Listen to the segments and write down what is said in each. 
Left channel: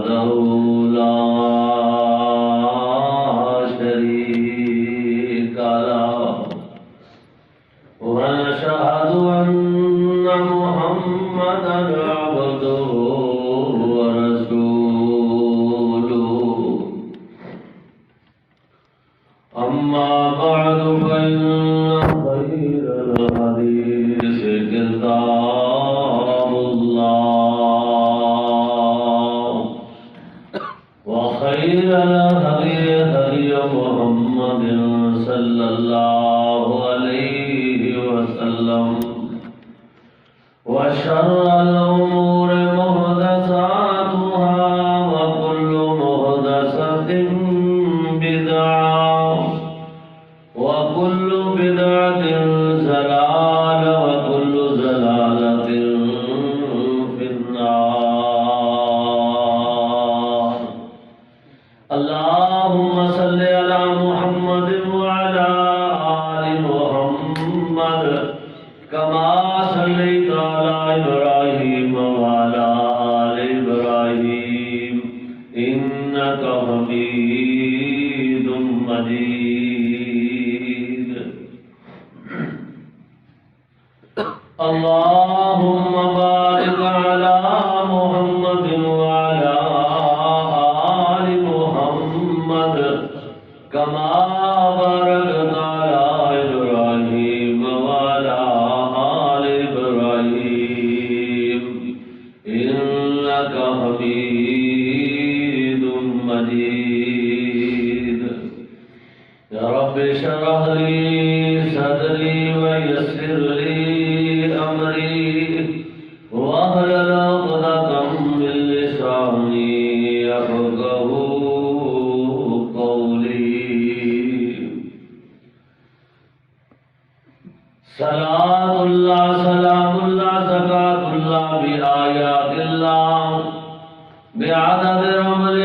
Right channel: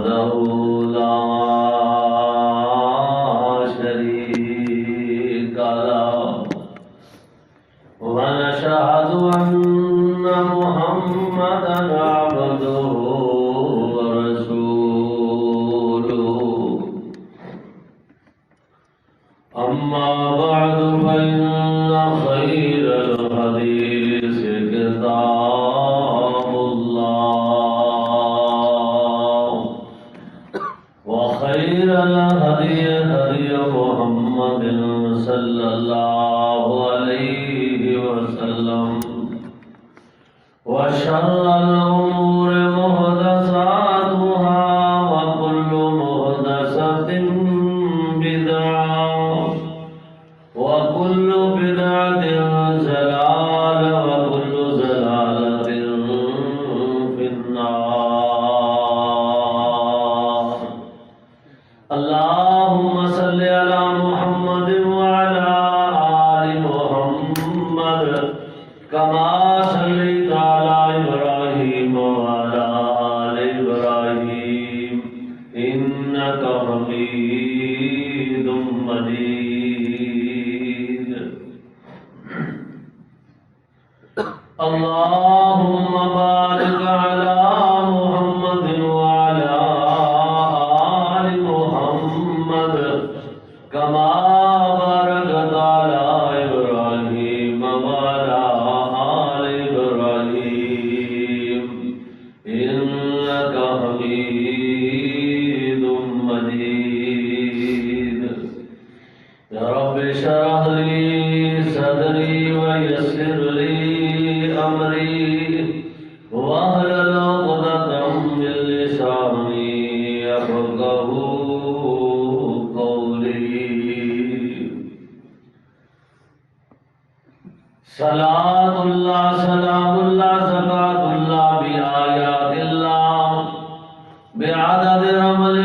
وحده لا شريك له ونشهد أن محمدا عبده ورسوله أما بعد فإن خير الحديث كتاب الله وخير الهدي هدي محمد صلى الله عليه وسلم وشر الأمور محدثاتها وكل محدثة بدعة وكل بدعة ضلالة وكل ضلالة في النار اللهم صل على محمد وعلى آل محمد كما صليت على إبراهيم وعلى آل إبراهيم إنك حميد مجيد اللهم بارك على محمد وعلى آل محمد كما باركت على إبراهيم وعلى آل إبراهيم إنك حميد مجيد يا رب اشرح لي صدري ويسر لي أمري واحلل عقدة من لساني يفقهوا قولي صلاة الله سلام الله زكاة الله بآيات الله بعدد عمل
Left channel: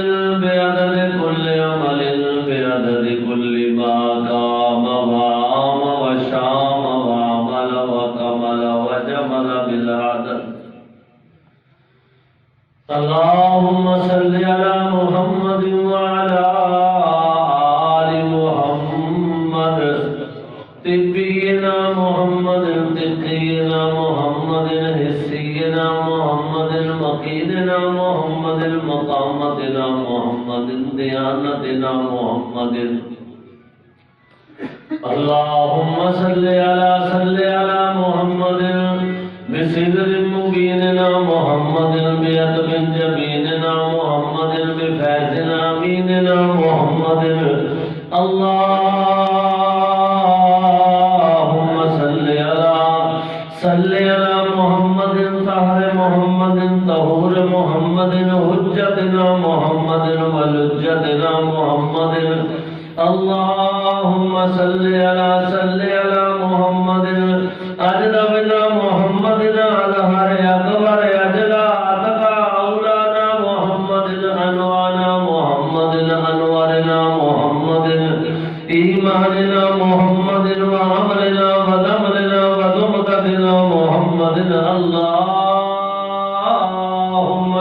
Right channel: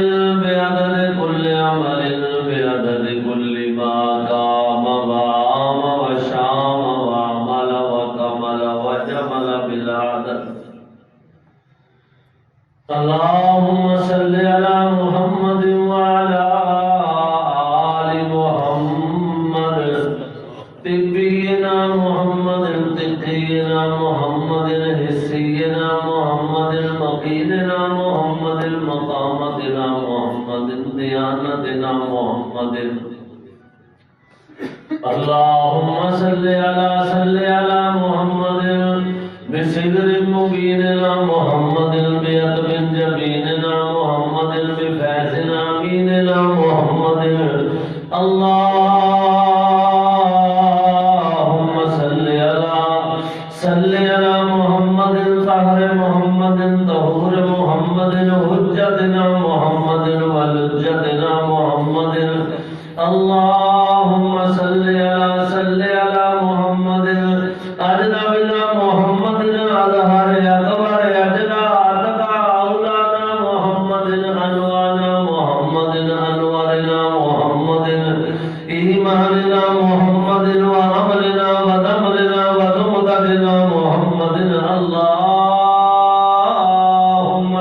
بعدد كل عمل بعدد كل ما قام وعام وشام وعمل وكمل وجمل بالعدد اللهم صل على محمد وعلى آل محمد طبينا محمد تقينا محمد حسينا محمد مقيدنا محمد مقامتنا محمد ديانتنا محمد اللهم صل على محمد بصدر مبيننا محمد بيتم جبيننا محمد بفيضنا اميننا محمد اللهم صل على محمد طاهر محمد طهور محمد حجتنا محمد ولجتنا محمد اللهم صل على محمد أجنبنا محمد أظهر أكبر أجلا أتقى أولانا محمد أنوانا محمد أنوارنا محمد إيماننا محمد وعملنا ودمرنا ودمدتنا محمد اللهم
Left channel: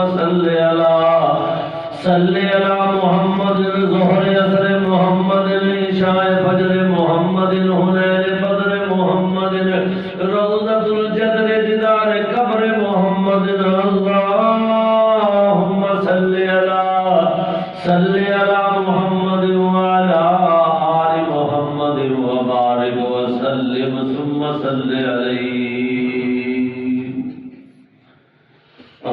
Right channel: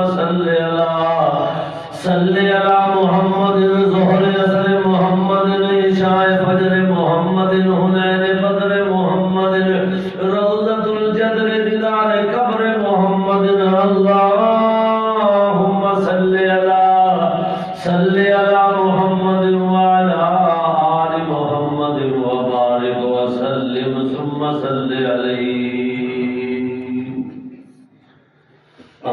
صل على محمد ظهر يسر محمد عشاء فجر محمد هنين بدر محمد روضة الجدر ديدار قبر محمد اللهم صل على محمد وعلى آل محمد وبارك وسلم ثم صل عليه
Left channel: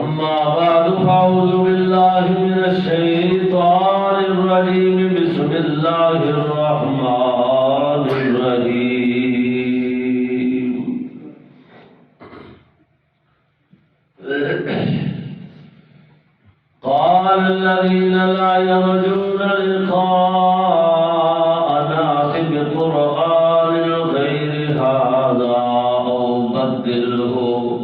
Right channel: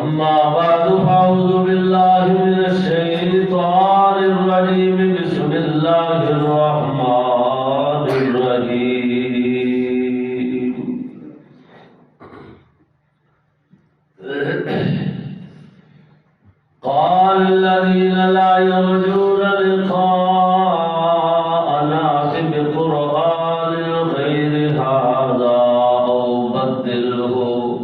أما بعد فأعوذ بالله من الشيطان الرجيم بسم الله الرحمن الرحيم قال الذين لا يرجون لقاءنا بقرآن غير هذا أو بدله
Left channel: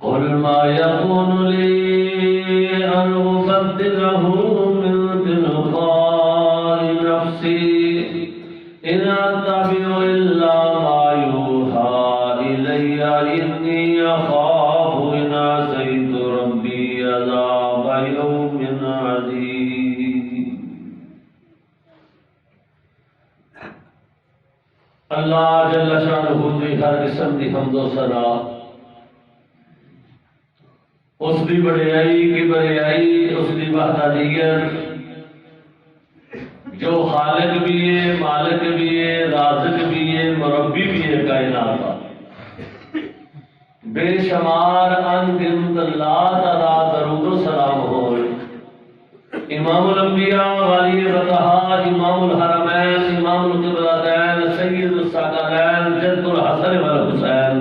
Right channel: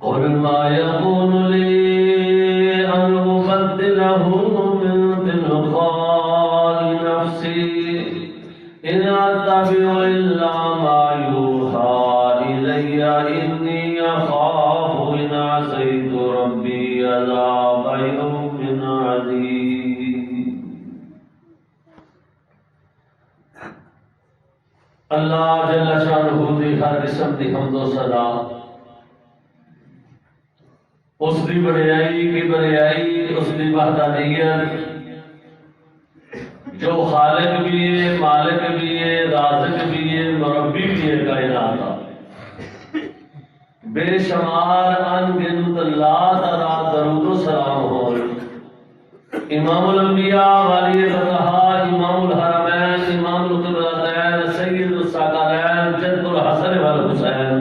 قل ما يكون لي أن أبدله من تلقاء نفسي إن أتبع إلا ما يوحى إلي إني أخاف إن عصيت ربي عذاب يوم اللہ جل شانہ دی ہر قسم دی حمد و ثنا اس دی بڑائی کی بڑائی اس دی وحدانیت جو خالق بھی ہے، مالک بھی ہے، رازق بھی ہے، مربی بھی ہے کائنات کا، بے شمار ان گنت لا ترا درود و سلام ہو امام الانبیاء ولی رضا امام الحرمین امام القبلتین سید الثقلین جد الحسن والحسین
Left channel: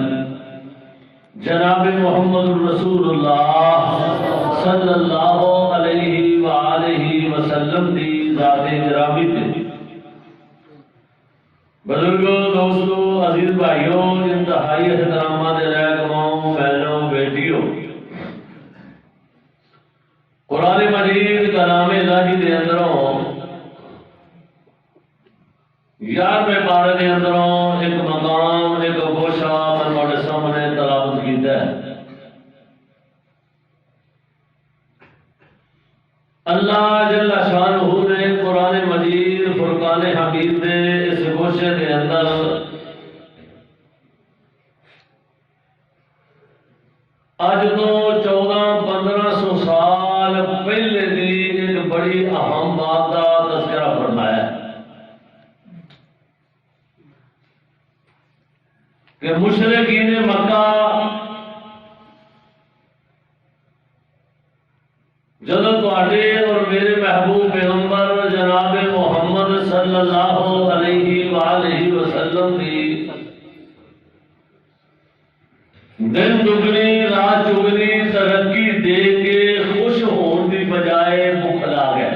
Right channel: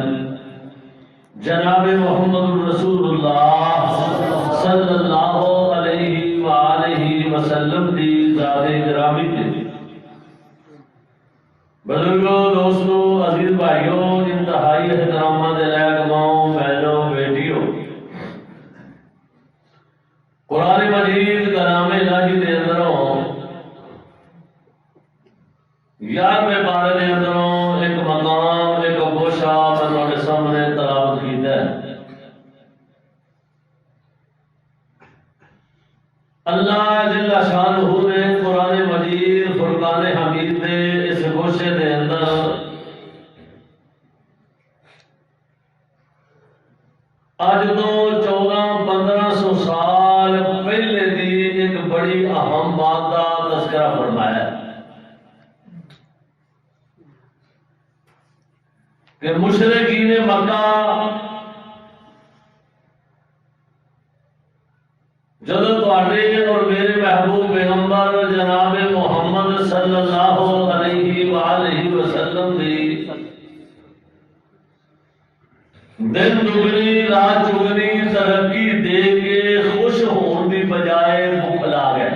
جناب محمد رسول اللہ صلی اللہ علیہ وآلہ وسلم دی ذات گرامی تے بزرگوں، دوستوں، عزیز بھائیوں، انتہائی احترامات لائق ماؤں، بہنوں، بیٹیوں، قرآن مجید کلام الہی دے اندروں 11ویں پارے دے اندروں ایک مقام، ایک گوشہ میں سامنے تلاوت کیتا ہے۔ اللہ جل شانہ نے قرآن مجید فرقان حمید دے اس گوشے دے اندر اج تو 1400-1500 سال پہلے دی ایک بڑی اہم بات کا تذکرہ فرمایا کہ مشرکین مکہ جدو تواڈے اور میرے محبوب پیغمبر جناب محمد صلی اللہ علیہ وآلہ وسلم دی دن دگنی رات چگنی ترقی دے کے خوش ہون دی بجائے بھوک لا گئے۔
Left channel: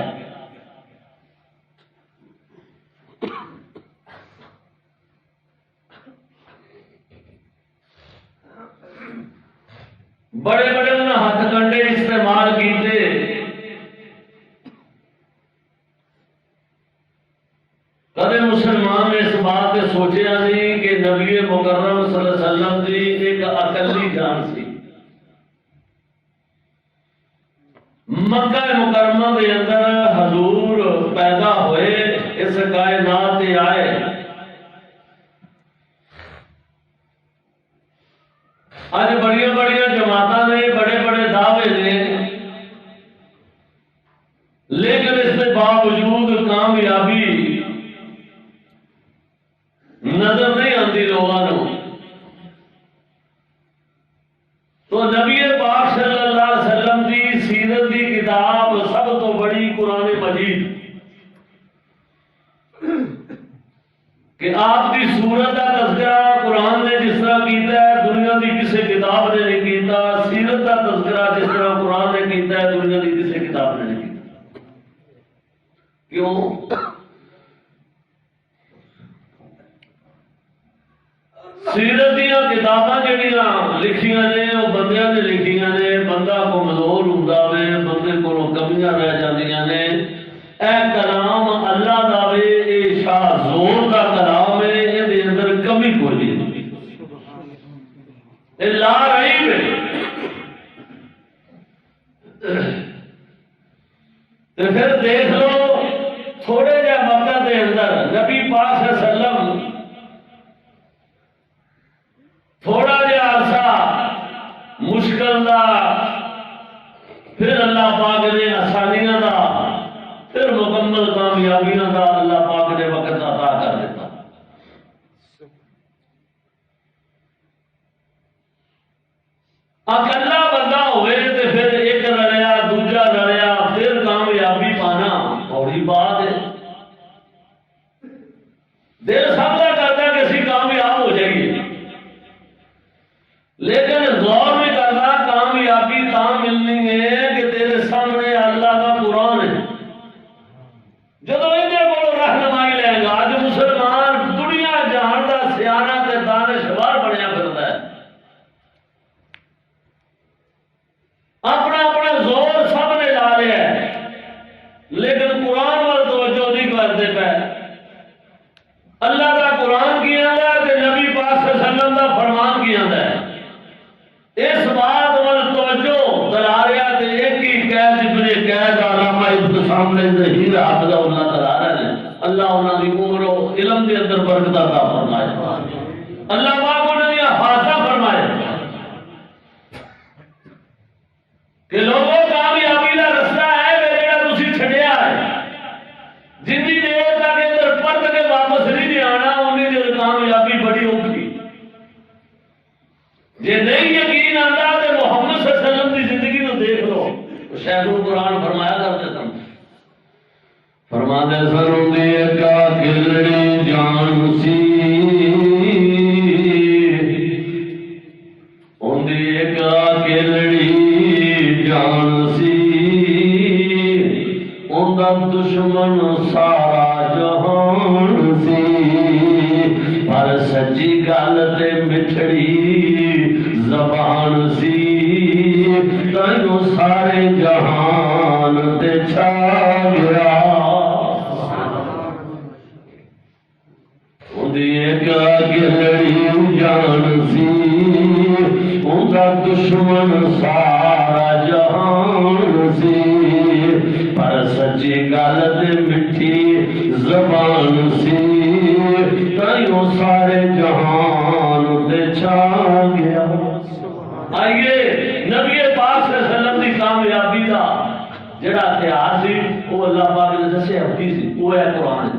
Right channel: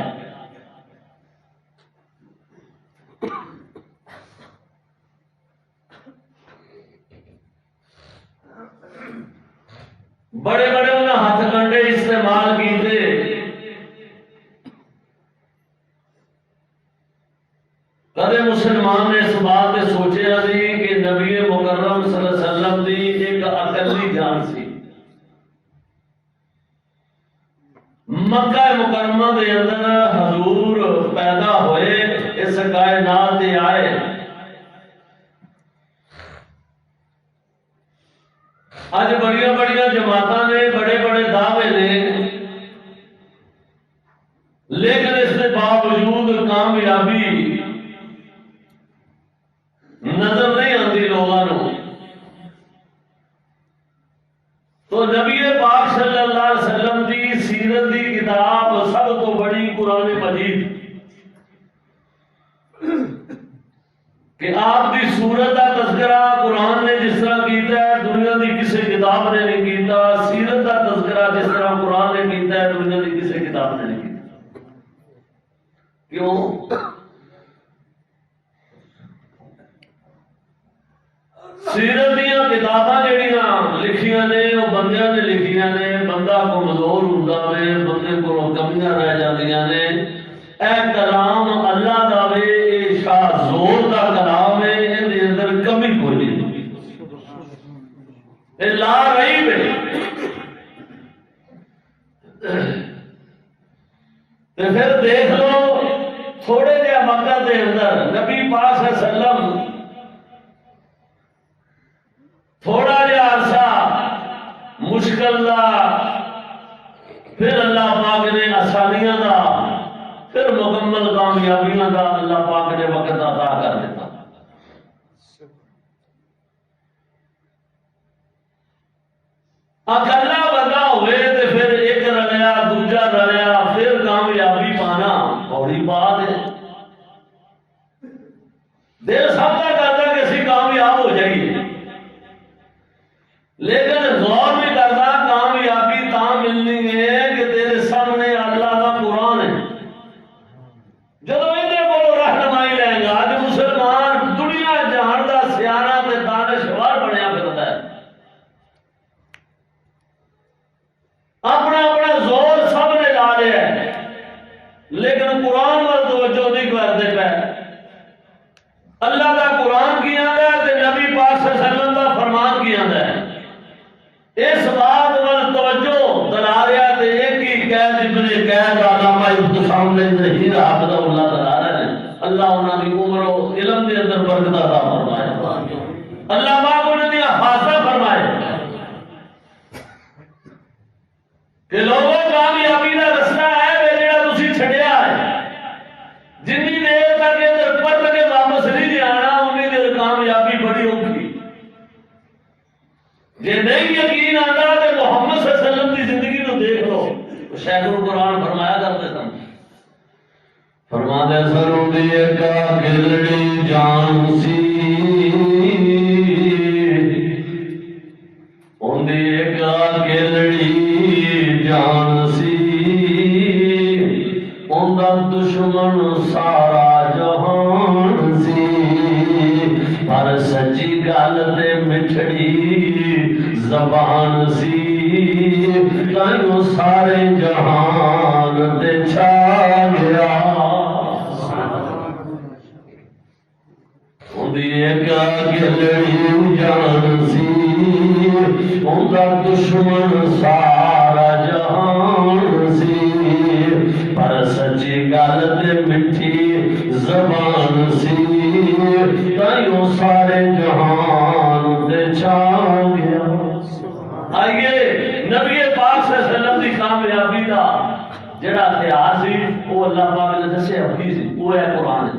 بڑے بڑے انہیں ہاتھ کنڈے استعمال کیتے، کدے مسلمان نے اس بات سے سوچیا نہیں کہ نبی مکرم صلی اللہ علیہ وسلم دی ایک اکلی جان سی، مکہ مکرمہ دے اندر حضور پیدا ہوئے، اس کائنات تے آئے، آج بڑیاں بڑیاں جماعتاں نے، بڑے بڑے دعوے نے، لیکن اس کے باوجود کامیابی نظر نہیں آتی لوگوں کو۔ تو نبی پاک صلی اللہ علیہ وسلم کی سیرت کی کتاب سب تو بڑی قرآن مجید کہ آپ کی صورت کا تذکرہ قرآن نے جس طرح کیتا ہے دنیا کی کسی کتاب نے نہیں کیتا، سیرت کا تذکرہ جس طرح قرآن نے کیتا ہے دنیا کی کسی کتاب نے نہیں کیتا۔ کیوں؟ سیرت دیا کتاباں جہاں لکھیاں نے وہ بندیاں نے لکھیاں نے، بندہ کمزور ہوندا وے، بندے کو کمیاں رہ جاندیاں نے، اے کلام اللہ دا وے، اے شاہ زور دا کلام ہے، اے اندر کمی کوئی نہیں، اے لا رہی ہے۔ تو پھر دیکھ لو تھوڑے جہ مکہ دے اندر نبی پاک صلی اللہ علیہ وسلم تھوڑا جہا عرصہ مشکل دا، پھر اللہ پاک نے آسانیاں دا، پھر مکمل کامیابیاں دا اللہ پاک نے وقت عطا کر دیتا۔ اکلا بندہ ہوئے تو پھر ایک رلیا دوجا رلیا، پھر کامیابی پانا بڑی بات ہے۔ دل سب کا کرتا کہ اسی کامیاب ہو جائیے، لیکن غور میں کرنا کامیابی تاں ملنی ہے کہ تیرے سامنے اللہ کا قرآن ہے۔ جدو اندے کو رہنمائی لے گا، جو مسلمان دنیا جہان دا سیانہ تے دانشور بنیا پھرتا ہے، اپنا اپنا زور سب نے لا لیا ہے، لیکن قرآن وال توجہ نہیں کرتے پے۔ اللہ دا قرآن کی آندا ہے تے نبی پاک صلی اللہ علیہ وسلم دا فرمان کی آندا ہے، اس بات وال توجہ دلالیا تے ایک ہی قید ابن قید علامہ ابتسام نے ظہیر حافظ اللہ تعالی نے اللہ انہاں دی عمر و علم دے اندر برکت عطا فرمائے۔ اللہ پاک انہوں نے حادثہ فرمائے کہ لوگوں کامیابی کا رستہ ہے جہاں تسی چھڈیا ہے جنی دیر تک ادھر پرت کے واپس نہیں جی آنا انی دیر کامیابی بڑی اوکھی جی نہیں یقین آتا تو محمد صلی اللہ علیہ وسلم کی زندگی کو دیکھ لو شیخ القرآن فرمایا کرتے سن فرماتے سن دی کا گلڑی جان سی ان دی کا گلڑی جان سی ان دا دشمن سارا جہان سی پر سچی گل تے مٹھڑی زبان سی تینوں سارے جہان تے چھا گیا اندی ایک گلڑی جان سی اندہ دشمن سارا جہان سی پر سچی گل تے مٹھی زبان سی تینوں سارے جہان تے چھا گیا آئیے نبی پاک صلی اللہ علیہ وسلم کی کامیابی کا جڑا اتہاس سی وہ اللہ پاک نے دسیا ہوئی سی وہ ہے قرآن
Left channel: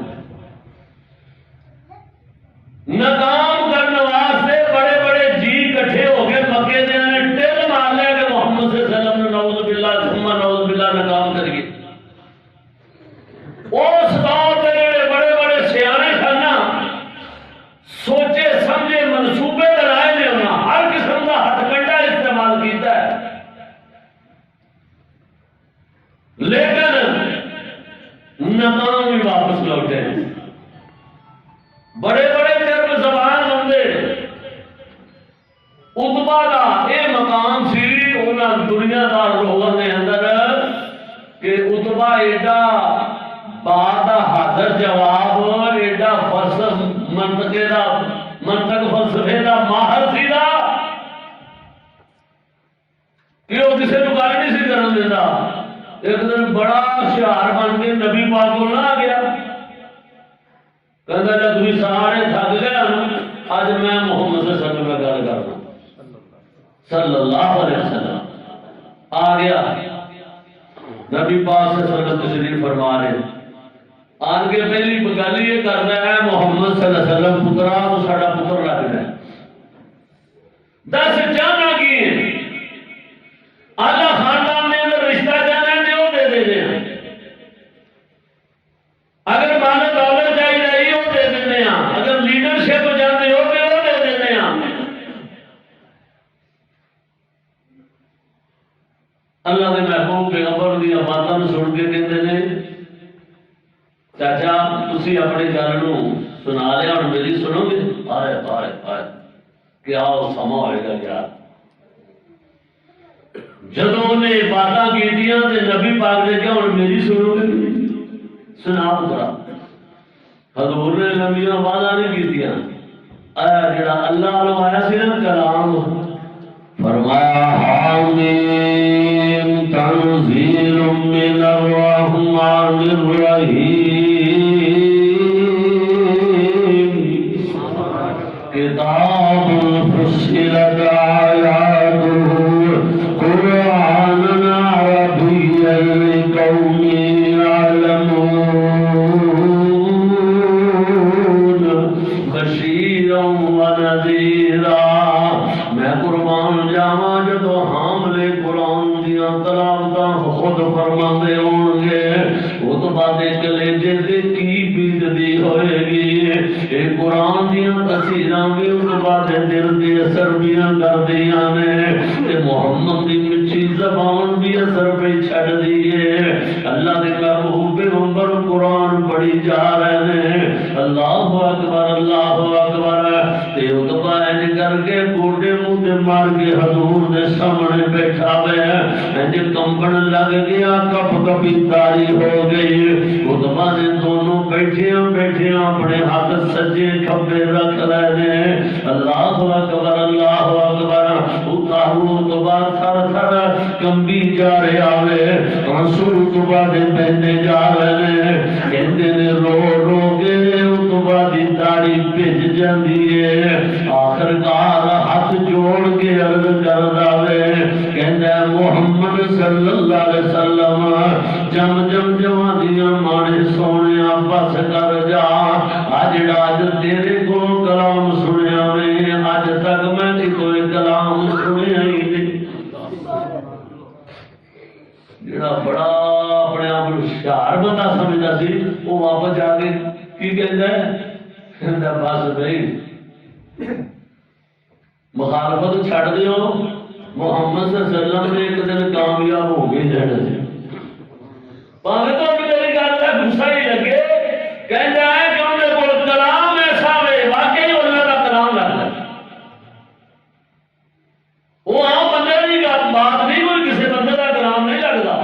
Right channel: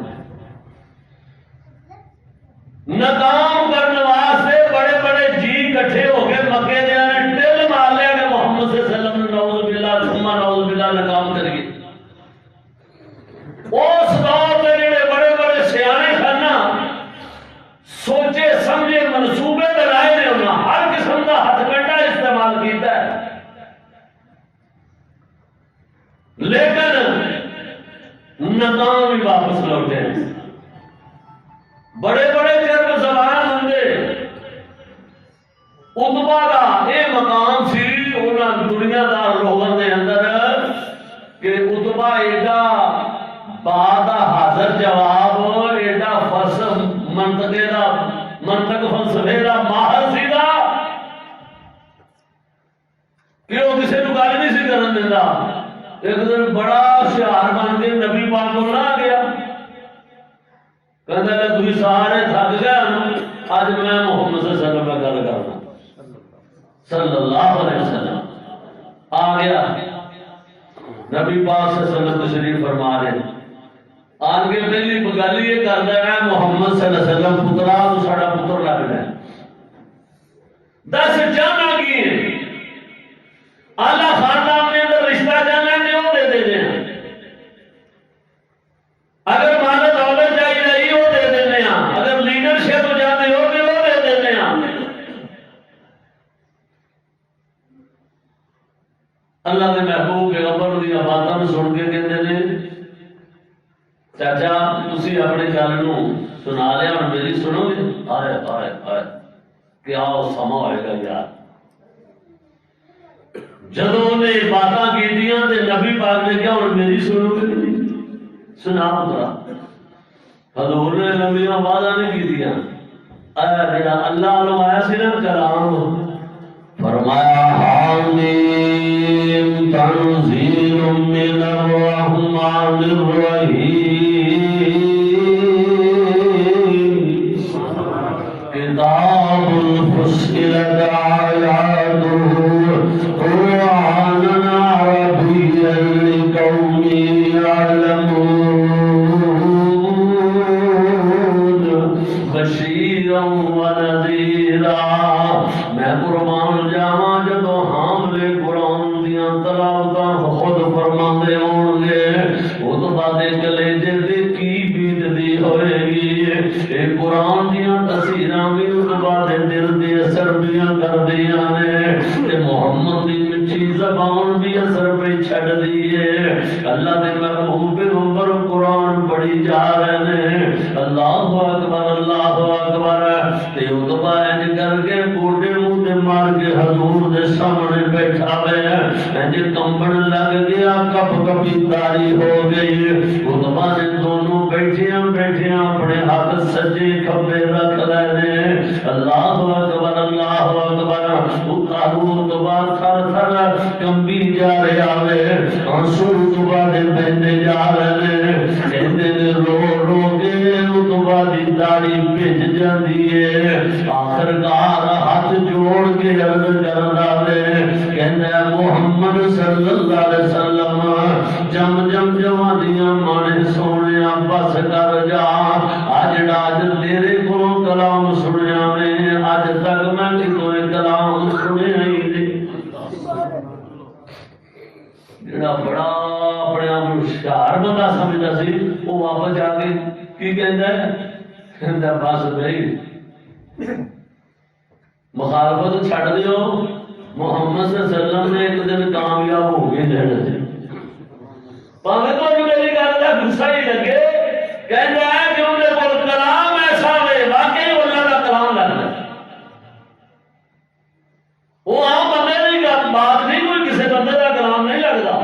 ناکام کرنے واسطے بڑے بڑے جی کٹھے ہو کے مکے دے نے ٹل مار لیا کہ محمد صلی اللہ علیہ وسلم نے نعوذ باللہ ثم نعوذ باللہ ناکام کر گئے اس دور پہ جڑے بڑے بڑے سیانے خانہ سوچے سمجھے منصوبے بنائے نے انہاں ہر قسم کا ہتھ کنڈا استعمال کیتا ہے لیکن ناکام ہی واپس لوٹے بڑے بڑے چرب زبان بندے عتبہ دا اے مقام سی انہاں دنیا دار لوگوں دے اندر کہ عتبہ ایڈا بعد حاضر جواب ایڈا منطق فلسفے دا ماہر سی دا کہ وہ کسی کو گل نہیں سی کرن دیندا ایک دن بڑا ہوشیار بن کے نبی پاک کو آ گیا کہندا تھی سارے تھک گئے اج میں محمد صلی اللہ علیہ وسلم گل کرنا صلی اللہ علیہ وسلم آ گیا نبی پاک صلی اللہ علیہ وسلم تشریف فرما رہے آن کے پہلی گل یہ کرنا ہے محمد صلی اللہ علیہ وسلم پترا تو ساڈا پتر لگنا ہے دس جانا کی آلہ خاندان نے اندر رشتہ جانا نے وہ دے دینے ہیں اگر مال دولت چاہیے وہ دے دینے ہیں اگر لیڈرشپ جانے ہو تو وہ دے دینے ہیں اللہ کے محبوب پیغمبر دی باتاں سن کے کہتے ہیں چاچا تسی اپنی گل نو سنا لیا اور میری سنو گے آئے آئے آئے کیا سما ہوئے گا یار جدوں نے باتاں کیتیاں تے نبی پاک نے کیا اور میری سنو گے سنا پترا حضور نے نبیوں وعدہ نہیں کیتیاں جڑا اللہ والوں آیا سی نا کلام فرمایا حامیم تنزیل من الرحمن الرحیم کتاب فصلت آیاتہ قرآنا عربیا لقوم یعلمون بشیرا ونذیرا میں قربان جاواں جدو حاملے قرآن دیاں تلاوتاں خود فرماندے ہون گے عتبہ دے کلیجے تے کی بیتدی ہوئے گی اے قرآن دیاں تفسیراں بھی عتبہ دے دل دی اثر بھی کر دیاں نے تے محمد دی میٹھی زبان بھی اثر پہ چھڑ دیے اللہ دے محبوب پیغمبر قرآن پڑھی جا رہے ہیں اللہ اکبر تے عتبہ انج کر کے گوڑے منہ تے مار کے حضور دے سامنے بیٹھا ہوئے انج کمبن لگ گیا کپ کپی تاری ہو گئی عتبہ نے دونوں بیٹھیاں بیٹھیاں اپنے ہاتھ سجے کھبے رکھ لینے اللہ اکبر اتارو عتبہ تھر تھر کمبی جا رہا ہے آنسو عتبہ دے بہنے جا رہے کہندے نے رو رو کے عتبہ دی داڑھی بھج جاندی ہے صلی اللہ علیہ وسلم جم جم جوانیاں مانے سونے بس کر جا جڑا تیرے کو کلام سنیا میں اج تک میں کوئی کلام سنیا ہی نہیں جڑا بڑا اپنے آپ ہوشیار بندہ سمجھتا سی وہ واپس جا کے کی کہندا ہے بس بھائی مخالفت چھڑ دیو محمد صلی اللہ علیہ وسلم نے ایک دن کامیاب ہو گئے جڑے پاوے تو میری گل کا غصہ ہی لگے کہندا ہے کہ ان دے کول کلام ایسا ہے واقعی اللہ کا کلام لگتا ہے وہ عام بندے کی بات نہیں کوئی کسی بندے کا کلام نہیں لگتا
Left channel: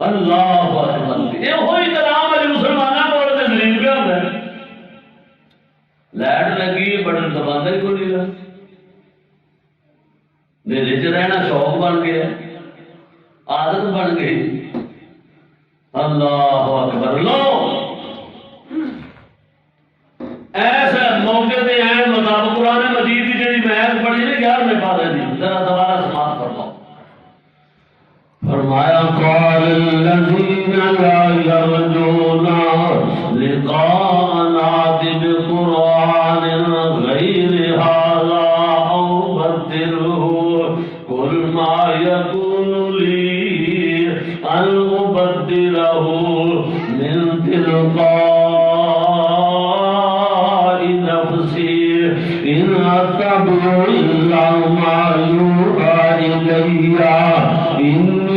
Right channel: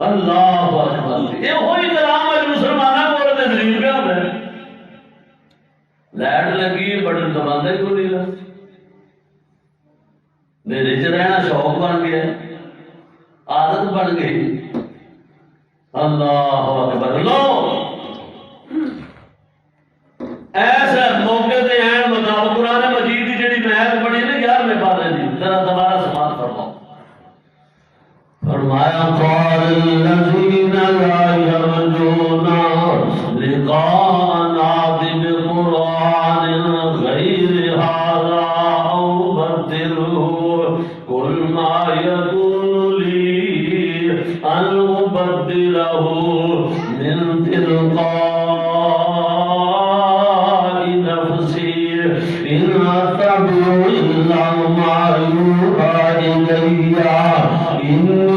اللہ اکبر یہ وہی کلام ہے مسلمانوں کو دلیل پہ ہوتا ہے لائٹ لگی بٹن دباتا ہی کوئی نہیں رہا نیلے چ رہنا شوق بن گیا عادت بن گئی اللہ اکبر لو ایسے موقع پہ ہیں مطابق قرآن مجید کی جڑی محض پڑھی نا 11ویں پارے دی ذرا دوبارہ سماعت فرماؤ فرمایا قال الذين لا يرجون لقاءنا بقرآن غير هذا أو بدله قل ما يكون لي أن أبدله من تلقاء نفسي إن أتبع إلا ما يوحى إلي إني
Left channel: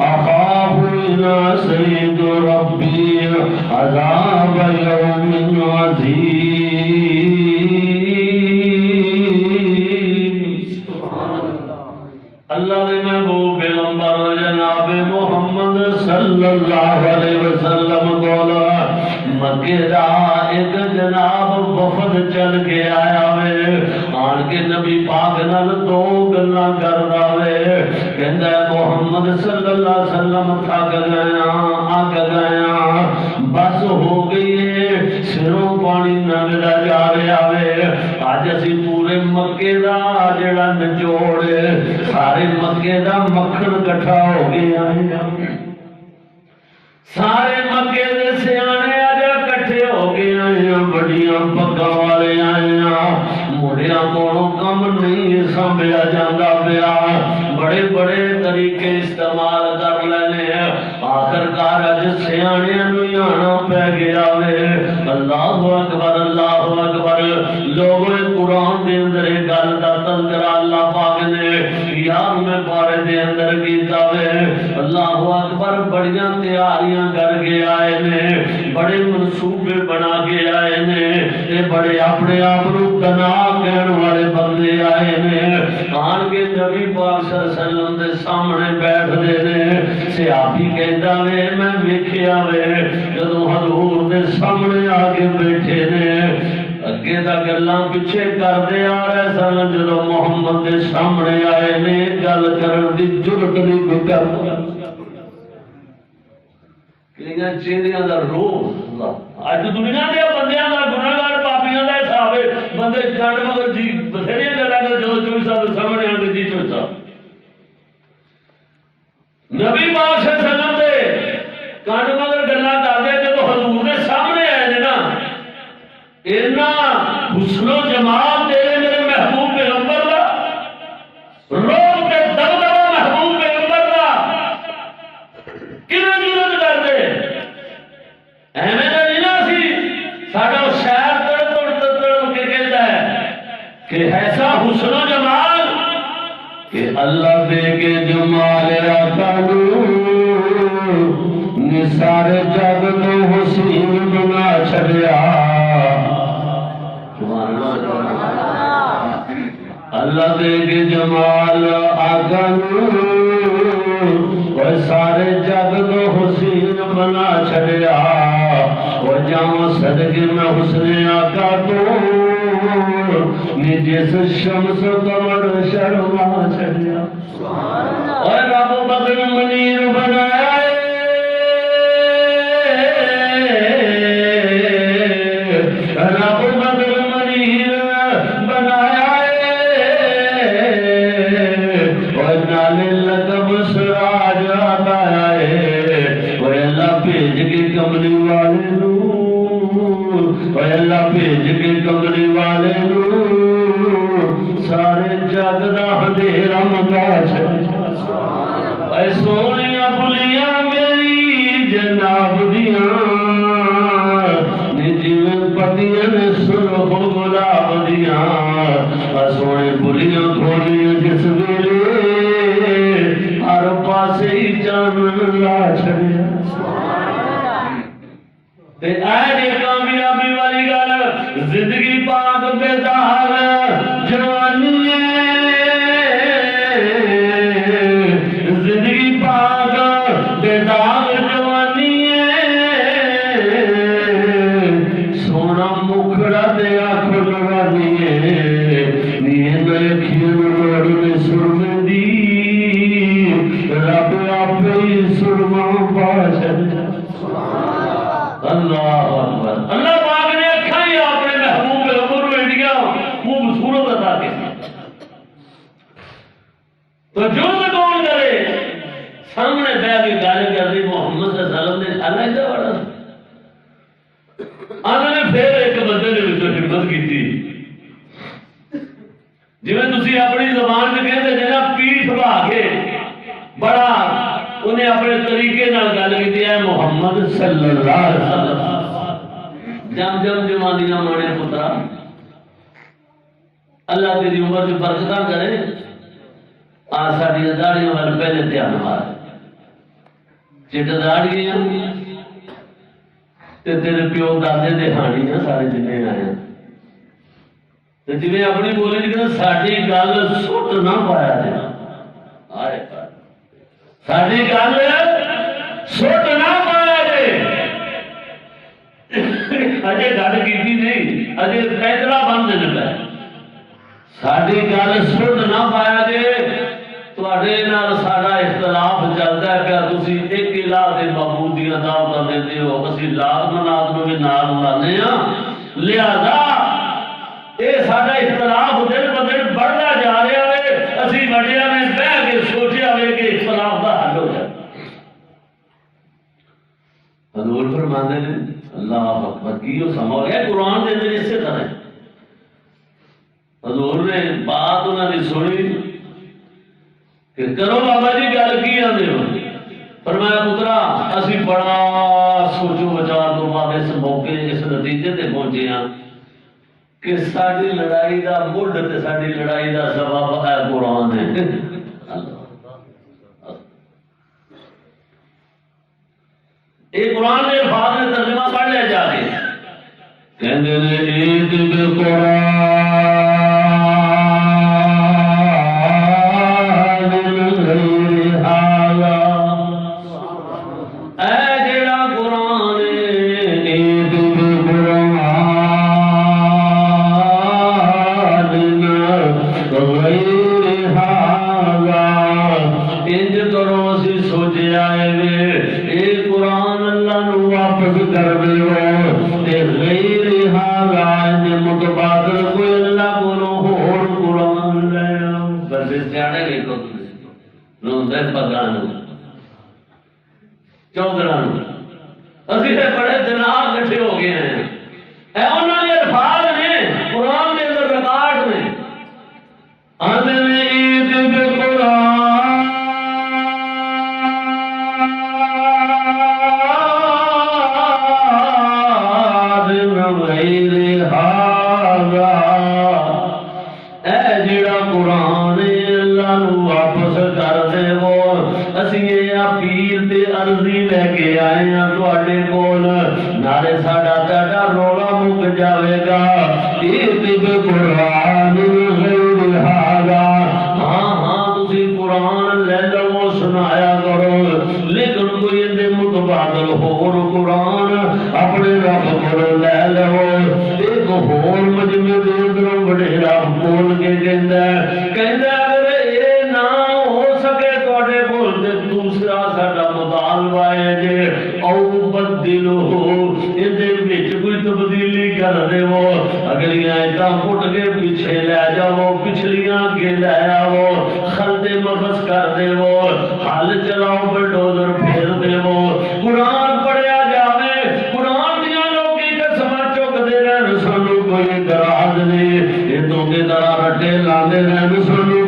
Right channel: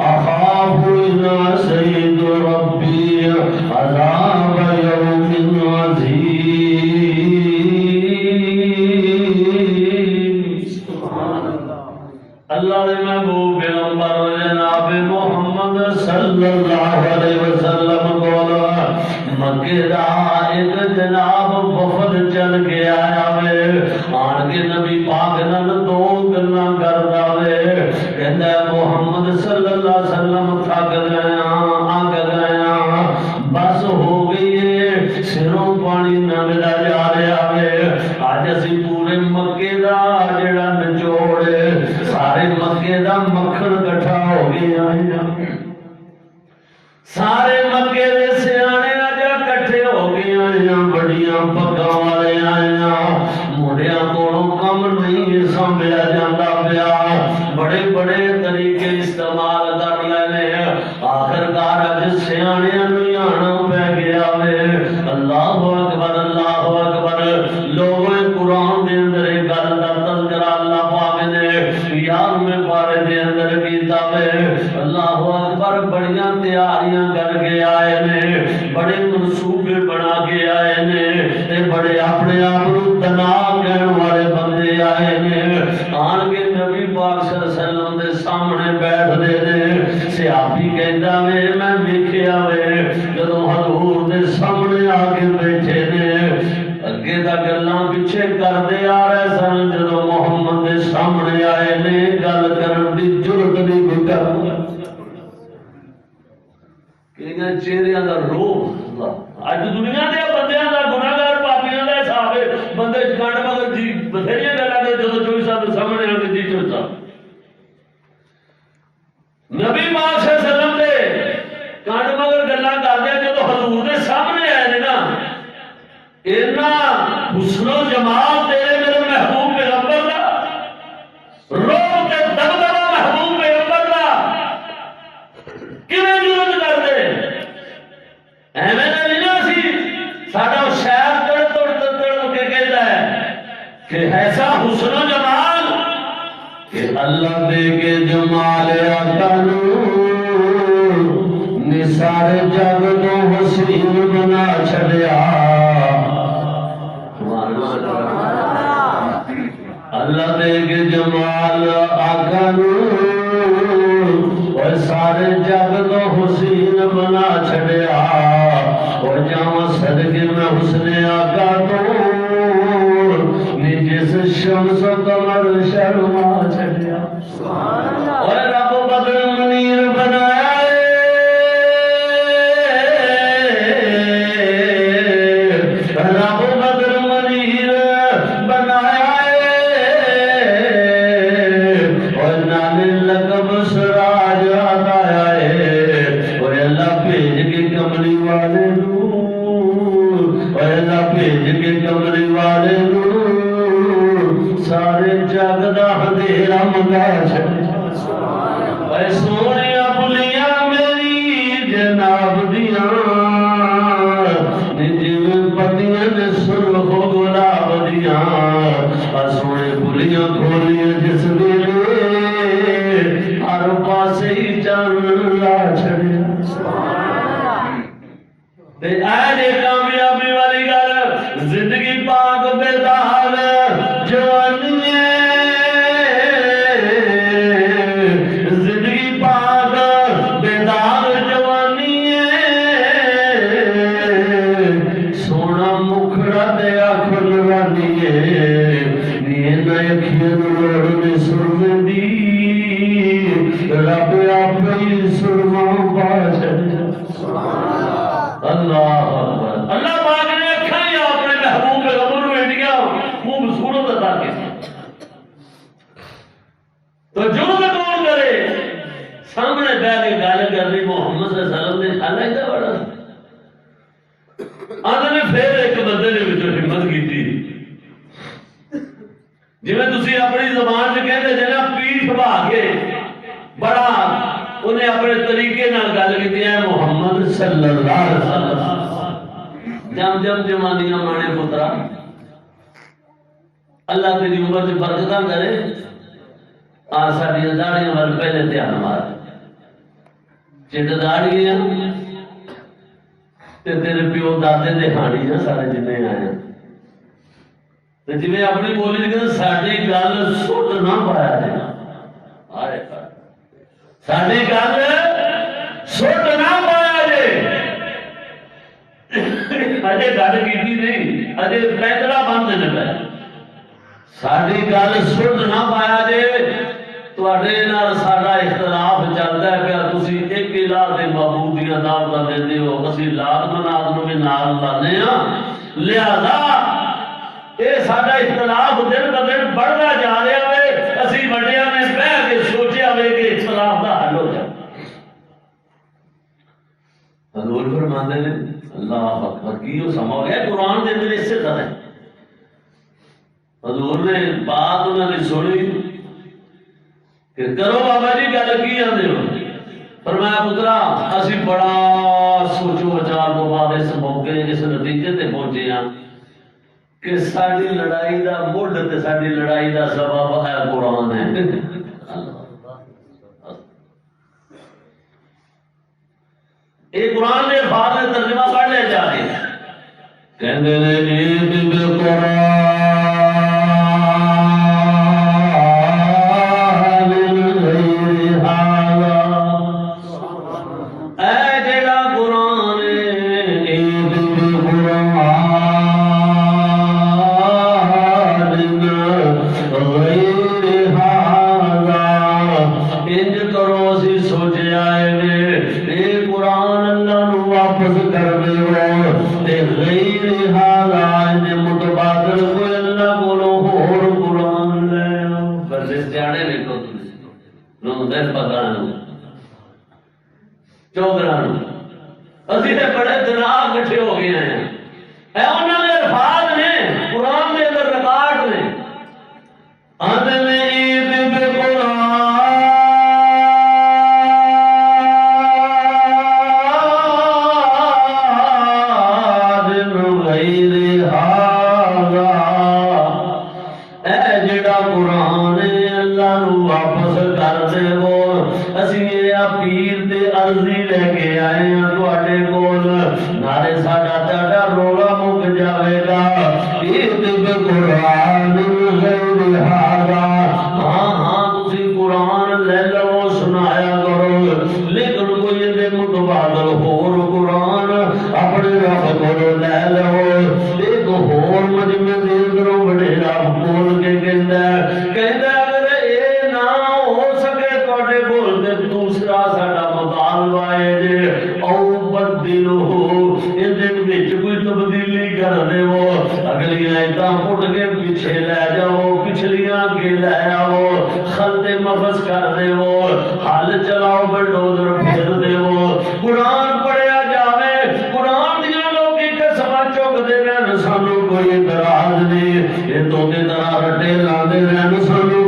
أخاف إن عصيت ربي عذاب يوم عظيم اللہ نے محبوب پیغمبر جناب محمد صلی اللہ علیہ وسلم کو مکے دا ایک جناب وفد چل کے آیا وے آن کے نبی پاک نال دو گلاں کردا وے کہندا ہے محمد صلی اللہ علیہ وسلم تھک گیا آگ گیا بس ہو گئی ہے سروں پانی لنگدا جا رہا وے اج اسی پورے مکے دا جڑا نچوڑ سارے مکے دا مکھن کٹھا ہو گیا ہے سارے مکے دے سیانے اج کٹھے ہو گئے ہیں بڑیاں پگاں والے آئے ہیں مڑیاں کولوں کم نہیں سنبھیا جاندا پیا بڑے بڑے طریقے استعمال کر لینے آخر کار اج سیاںیاں نوں آنا پی گیا وے اللہ اکبر لوگ قرآن دے اندر گل دا تذکرہ اللہ پاک نے 11ویں پارے دے اندر کیتا وے اللہ اکبر بڑیاں تیاریاں کر کے آئے نے بڑے منصوبے بنا کے آئے نے بڑے اپنے آپ کو تنا کہن والے بندے آئے نے آن کے نبی پاک صلی اللہ علیہ وسلم دے سامنے بیٹھ دے نے صحابی کہندا وے میں ویکھیا وے جدوں حضور دے سامنے آ کے بیٹھے نے اگے دا گلاں پیچھے کردے آ رہے سن جدوں محمد دے سامنے آئے نے گل کرن دی جرت نہیں کر چہرے کا روح اج دنیا دے بندیاں دا گناہگار پاپیاں دا حساب ہے بندے کنڈ مگر جی بتھیریاں گلاں کرے جدوں 24 سال سامنے آن کے جی چڑھتا نبی پاک صلی اللہ علیہ وسلم دے کنڈ مگر گلاں کردے جدوں حضور دے سامنے آئے نے نا اینا حسن و جمال تیرے میرے محبوب پیغمبر دا روح تے دبدبا محبوب پیغمبر دا کیویں جرت کر دے ایویں دا نہیں نا سی ساڈا شہر تڑ کے کہتا ہے کہ ایسا حسن و جمال کہ اللہ دے کے جمال آقا نے سارے جگ نو حسین بنا چھڈیا اللہ دے کے جمال آقا اور سارے جگ کو حسین بنا چھڑیا اور جاؤں صدقے میں حسن آقا تو جس شمس و قمر شرما چھڑیا اور رب بدر منیر بنایا رب بدر منیر بنایا اللہ دے رم کا اے سونیاں بلیاں میری جناب دیاں جیویں پتیاں نے سرخ گلاب دیاں سونے بلیاں کھولیاں جس ویلے ہر پاسے ہی جان لا چھڑیا تے اے کامیابی والی گل زندگی پاک بیدار جوانی زندگی پاک بیدار جوانی سونا مکھڑا تے آنکھ لگانی نیند اکھیاں روڑ میں سرمے دی رب آپ ہی سرما پاس اللہ اکبر اللہ پاک نے اکھاں ہی اپنے محبوب غمر میں دیا خوبصورت عطا کی تو جرد کون کرے سامنے بیٹھ کے گل کر رہی محمد صلی اللہ علیہ وسلم نے کھانا ہی بڑا آنھا نے پھر ایک بندے نے وچوں ہمت کیتی جویں تسی اپنی زبان سے کہتے جنا پیٹھ بھا کے بڑا انہیں اپنے طریقے نال گل کیتی ہے محمد صلی اللہ علیہ وسلم جم جمانیاں مانے پترا اللہ تیری عمر سے برکتاں کرے آج ساڈیاں داڑیاں وال پہلے دھیان مار چٹ داڑیاں تے تیرے پیو دادے دے ہانی ہیں سارے جنے آئے ہیں تے جویں اپنی بولی کہ ساڈی گل سٹ نہ پایا جے آئے ساڈی گل سٹ نہ پایا جے اجے گل کیتی نہیں اجے فیصلہ بن دے پے ساڈی گل سٹ نہ پایا جے تواڈے نال ساڈا اختلاف چلدا ہے کہ تسی ایک الہ دے معبود دیاں دعوتاں دیندے ہو اسی لات مناد نوں بھی نال لانے ہاں لہذا اے ساڈا اختلاف دن ب دن بڑھدا جا رہا ہے اسی وڈیاں نے بیٹھ کے سوچیا ہوئے کہ اختلاف دا حل ہو جائے حضور فرماندے نے اللہ اکبر کیوں سما گیا قرآن دے اندر اس سے طرح حضور نے بات انہوں نے سنی کہ کرو بابا جی گل کی آدھے ہو فرمایا پترا اسی بڑا سوچو بچار تو بعد اس موقع اس نتیجے تے پہنچے ہیں کہ ساری لڑائی دا مڈ تے ساری لڑائی دا سبب ہے قرآن ہے ایک قرآن نے الفاظ نے ترجمہ پڑھ لیا جا کے کہندے نے ایک بالقرآن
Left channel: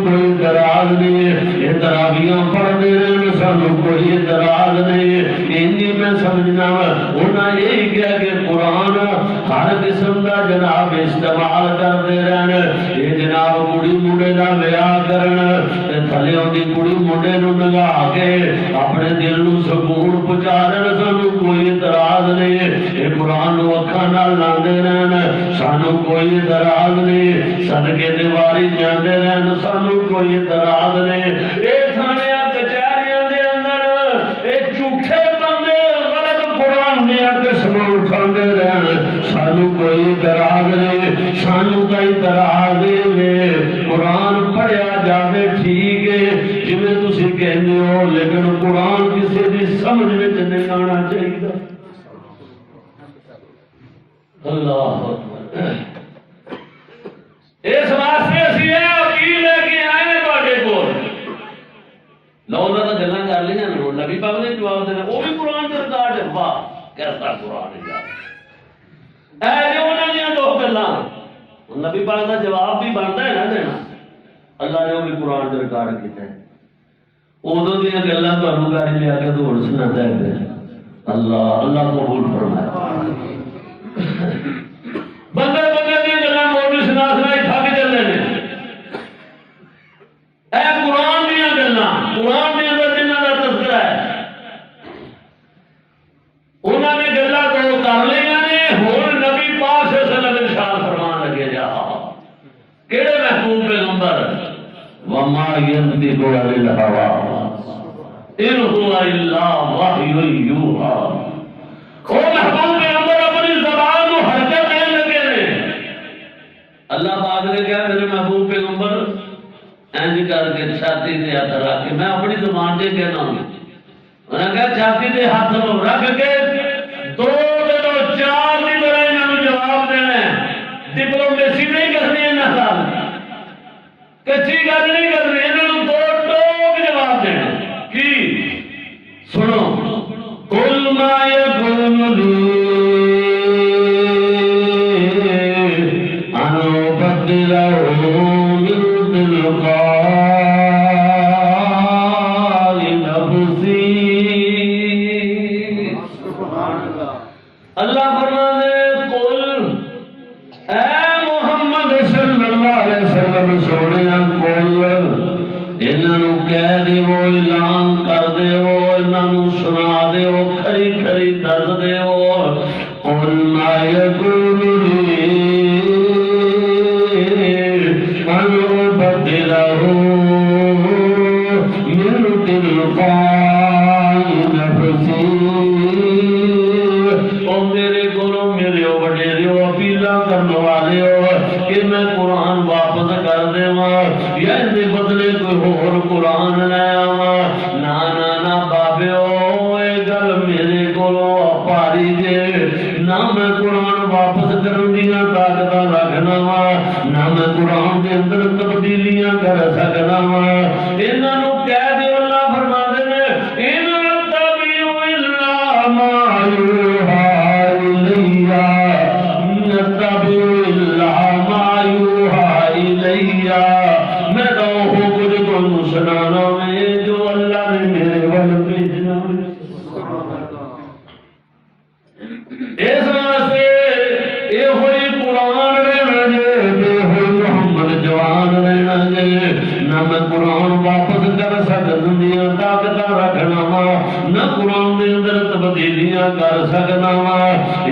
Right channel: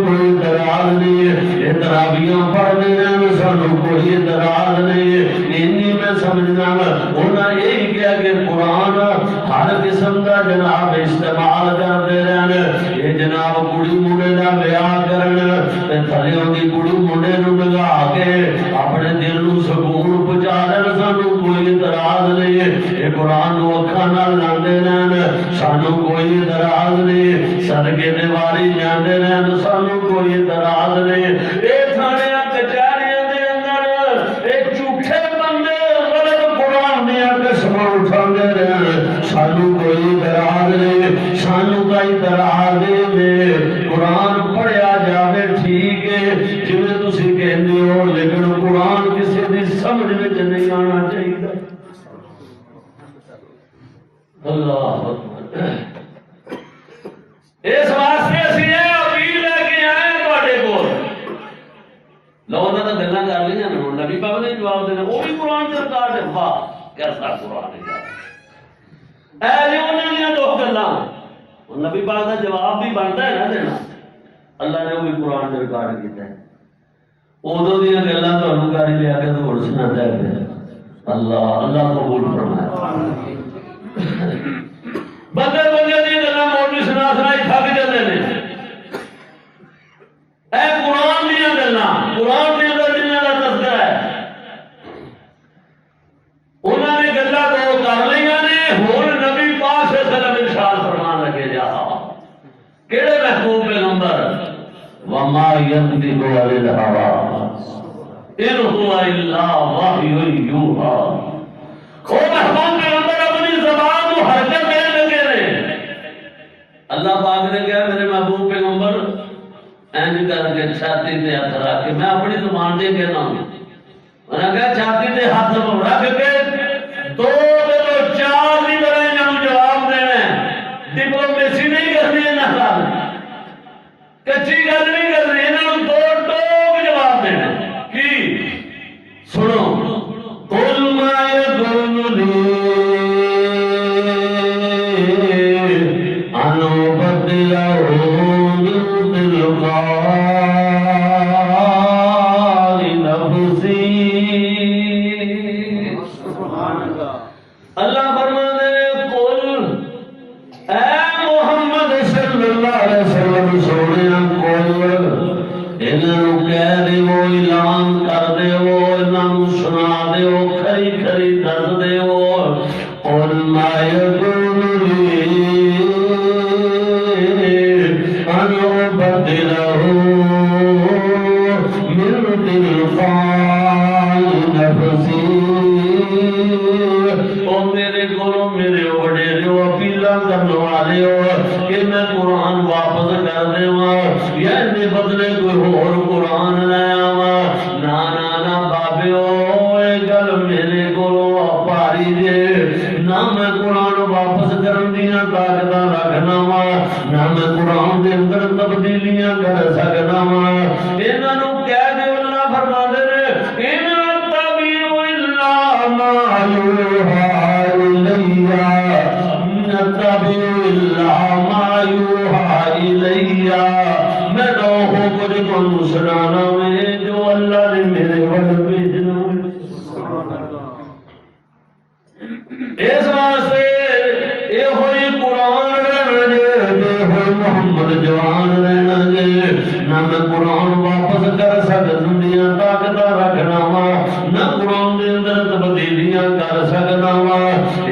کوئی تھلے دی کڑی منڈے نو لگا کے اپنے دل نو سکون پہنچا دین سانو کوئی اعتراض نہیں اے قرآن نو اکھاں نال لاندے رہن سانو کوئی اعتراض نہیں صدقے دے واری جاندے رہن سانو کوئی اعتراض نہیں اے تھانیاں کچہریاں دے اندر اے جھوٹے بندے غلط قرآن دیاں قسماں اٹھاندے رہن سانو کوئی اعتراض نہیں سانو کا اعتراض ہے قرآن پڑھیا جاوے ٹھیک ہے جویں تسی کہندے ہو لیکن قرآن کسی دی سمجھ وچ نہیں آنا چاہیے اللہ اکبر اس واسطے اسی یہ اپیل لے کے آئے تواڈے کول لو انہاں دا گلاں کر لیاں نا نبی پاک نے جواب دینا وہ بھی قرآن دے ریکارڈ ہے واہ کیسا قرآن ہے یار اے جو انہاں دیاں دو گلاں نبی پاک دا جواب بھی بنتا ہے نا دینا اللہ نے وہ بھی قرآن دے ریکارڈ کیتا ہے ادو دیا گلاں تانوں گھر لیا کے دور سناتا ہے اللہ اللہ قبول فرمائے بندے بندے دیا گلاں مولوی سنا سنائی تھک جاندے نے اے قرآن دیا گلاں قرآن دے اندر جنہاں دا تذکرہ ہے انہاں نے گلاں تو کر لیاں نے ہن نبی پاک صلی اللہ علیہ وسلم ارشاد فرمان لگے جا کیڑے محبوب پیغمبر وما ينطق عن الهوى ان هو الا وحی یوحی وہ محبوب پیغمبر اپنی زبان کو حرکت دے لگے نے اللہ پاک نے کہا میرے محبوب پیغمبر اینج کر کے چھاتی تے ہاتھ رکھ کے میں اپنی زبان دے کہنا ہوں انہاں کہا چھاتی تے ہاتھ رکھ کے دو دنوں چار دی طرح انہاں جواب دینا ہے ڈپلومیسی نہیں کرنی انہاں نال کچی گل نہیں کرنی انہاں دو ٹوک جواب دینا ہے کی سنو قل ما يكون لي ان ابدله من تلقاء نفسي اللہ فرماتے ہیں قل اے محمد صلی اللہ علیہ وسلم سونے قل انہوں کہہ دے وہ اعلان کر دے وہ انہوں سنا دے وہ کھری کھری دس دے وہ قل ما يكون لي ان ابدله من تلقاء نفسي او میرے گلوں میرے وڈیرے اپیلاں کرنے والے ہو کہ میں قرآن واپس کر دیواں یا دے بدلے کوئی اور قرآن لے آواں نا نا نا بابیو اے گل میرے کولوں پاری جے نہ میں قرآن واپس کرن دیاں طاقتاں رکھنا وا نہ میں قرآن دے اندر تبدیلیاں کر سکدا وا انہاں نوں کہہ دیو اللہ فرماندے نے ان تبیو الا ما یوحی الیہ نتبیو الا ما یوحی الیہ میں تو ہو کچھ تانوں سنانا وے جو اللہ نے میرے ول بھیجنا اس واسطے اے ہوئی قرآن رہنا جے بے ہوئی محمد جوان رہنا جے نہ میں قرآن واپس کر سکتا دیاں طاقتاں رکھنا وا نہ قرآن دے اندر تبدیلیاں کر سکنا وا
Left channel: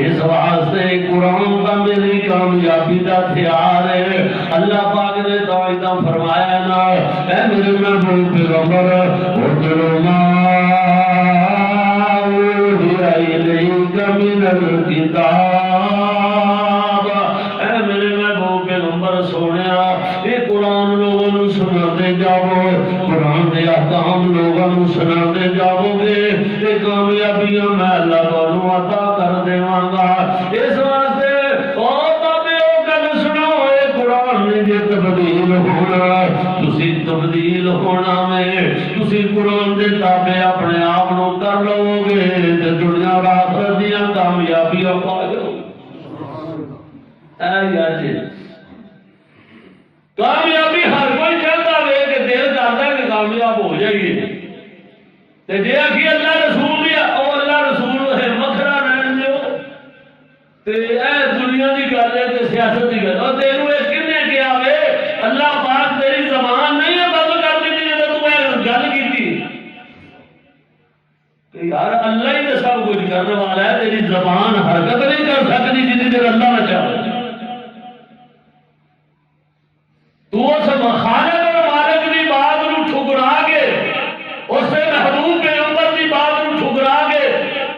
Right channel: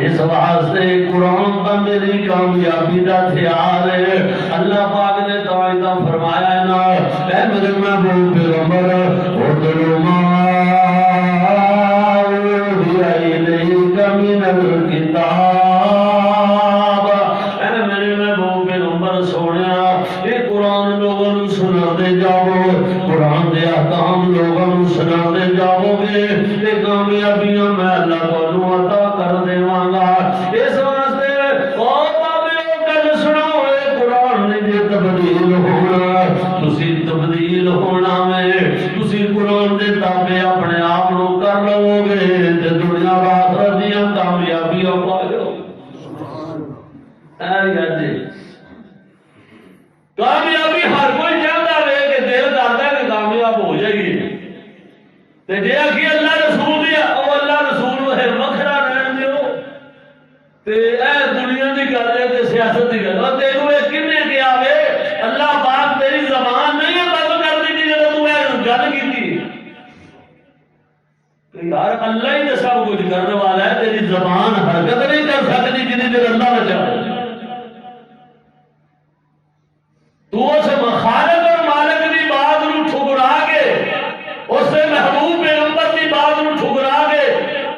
اس واسطے قرآن کا میری کامیابی دا ہتھیار ہے اللہ پاک نے توعیدہ فرمایا نا اے میرے محبوب پیغمبر اتلو ما اوحی الیک من الکتاب اے میرے محبوب پیغمبر سونیا یہ قرآن لوگوں نوں سناتے جاؤ قرآن دے احکام لوگوں نوں سناتے جاؤ گے یہ کامیابیاں میں اللہ تانوں عطا کر دیواں گا اس واسطے او بابیو گل سنو اے قرآن نے جے تبدیل ہونا تسی تبدیل ہونا میں تسی قرآن دے تابع اپنے آپ نو کر لو گے تے دنیا آخرت دیاں کامیابیاں پا جاؤ اے یار جی کامیابی ہر کوئی چاہتا ہے کہ دل کرتا ہے کہ کامیاب ہو جائیے تے جے آکھی اللہ رسول دیا او اللہ رسول وہ وکھرا رہن دیو تے اے دنیا دی گل ہے تے سیاست دی گل ہے تینوں اے کنے کیا وے اللہ پاک تیری زبان نہیں ہے بند کر دی جے تو یار اللہ ہی تو سب کچھ کرنے والا ہے، تیری زبان حرکت نہیں کر سکتی جتنی دیر اللہ نہ چاہے۔ تو اس خالق اور مالک کی بات نو ٹھکرا کے، اس سے محبوب پیغمبر کی بات نو ٹھکرا کے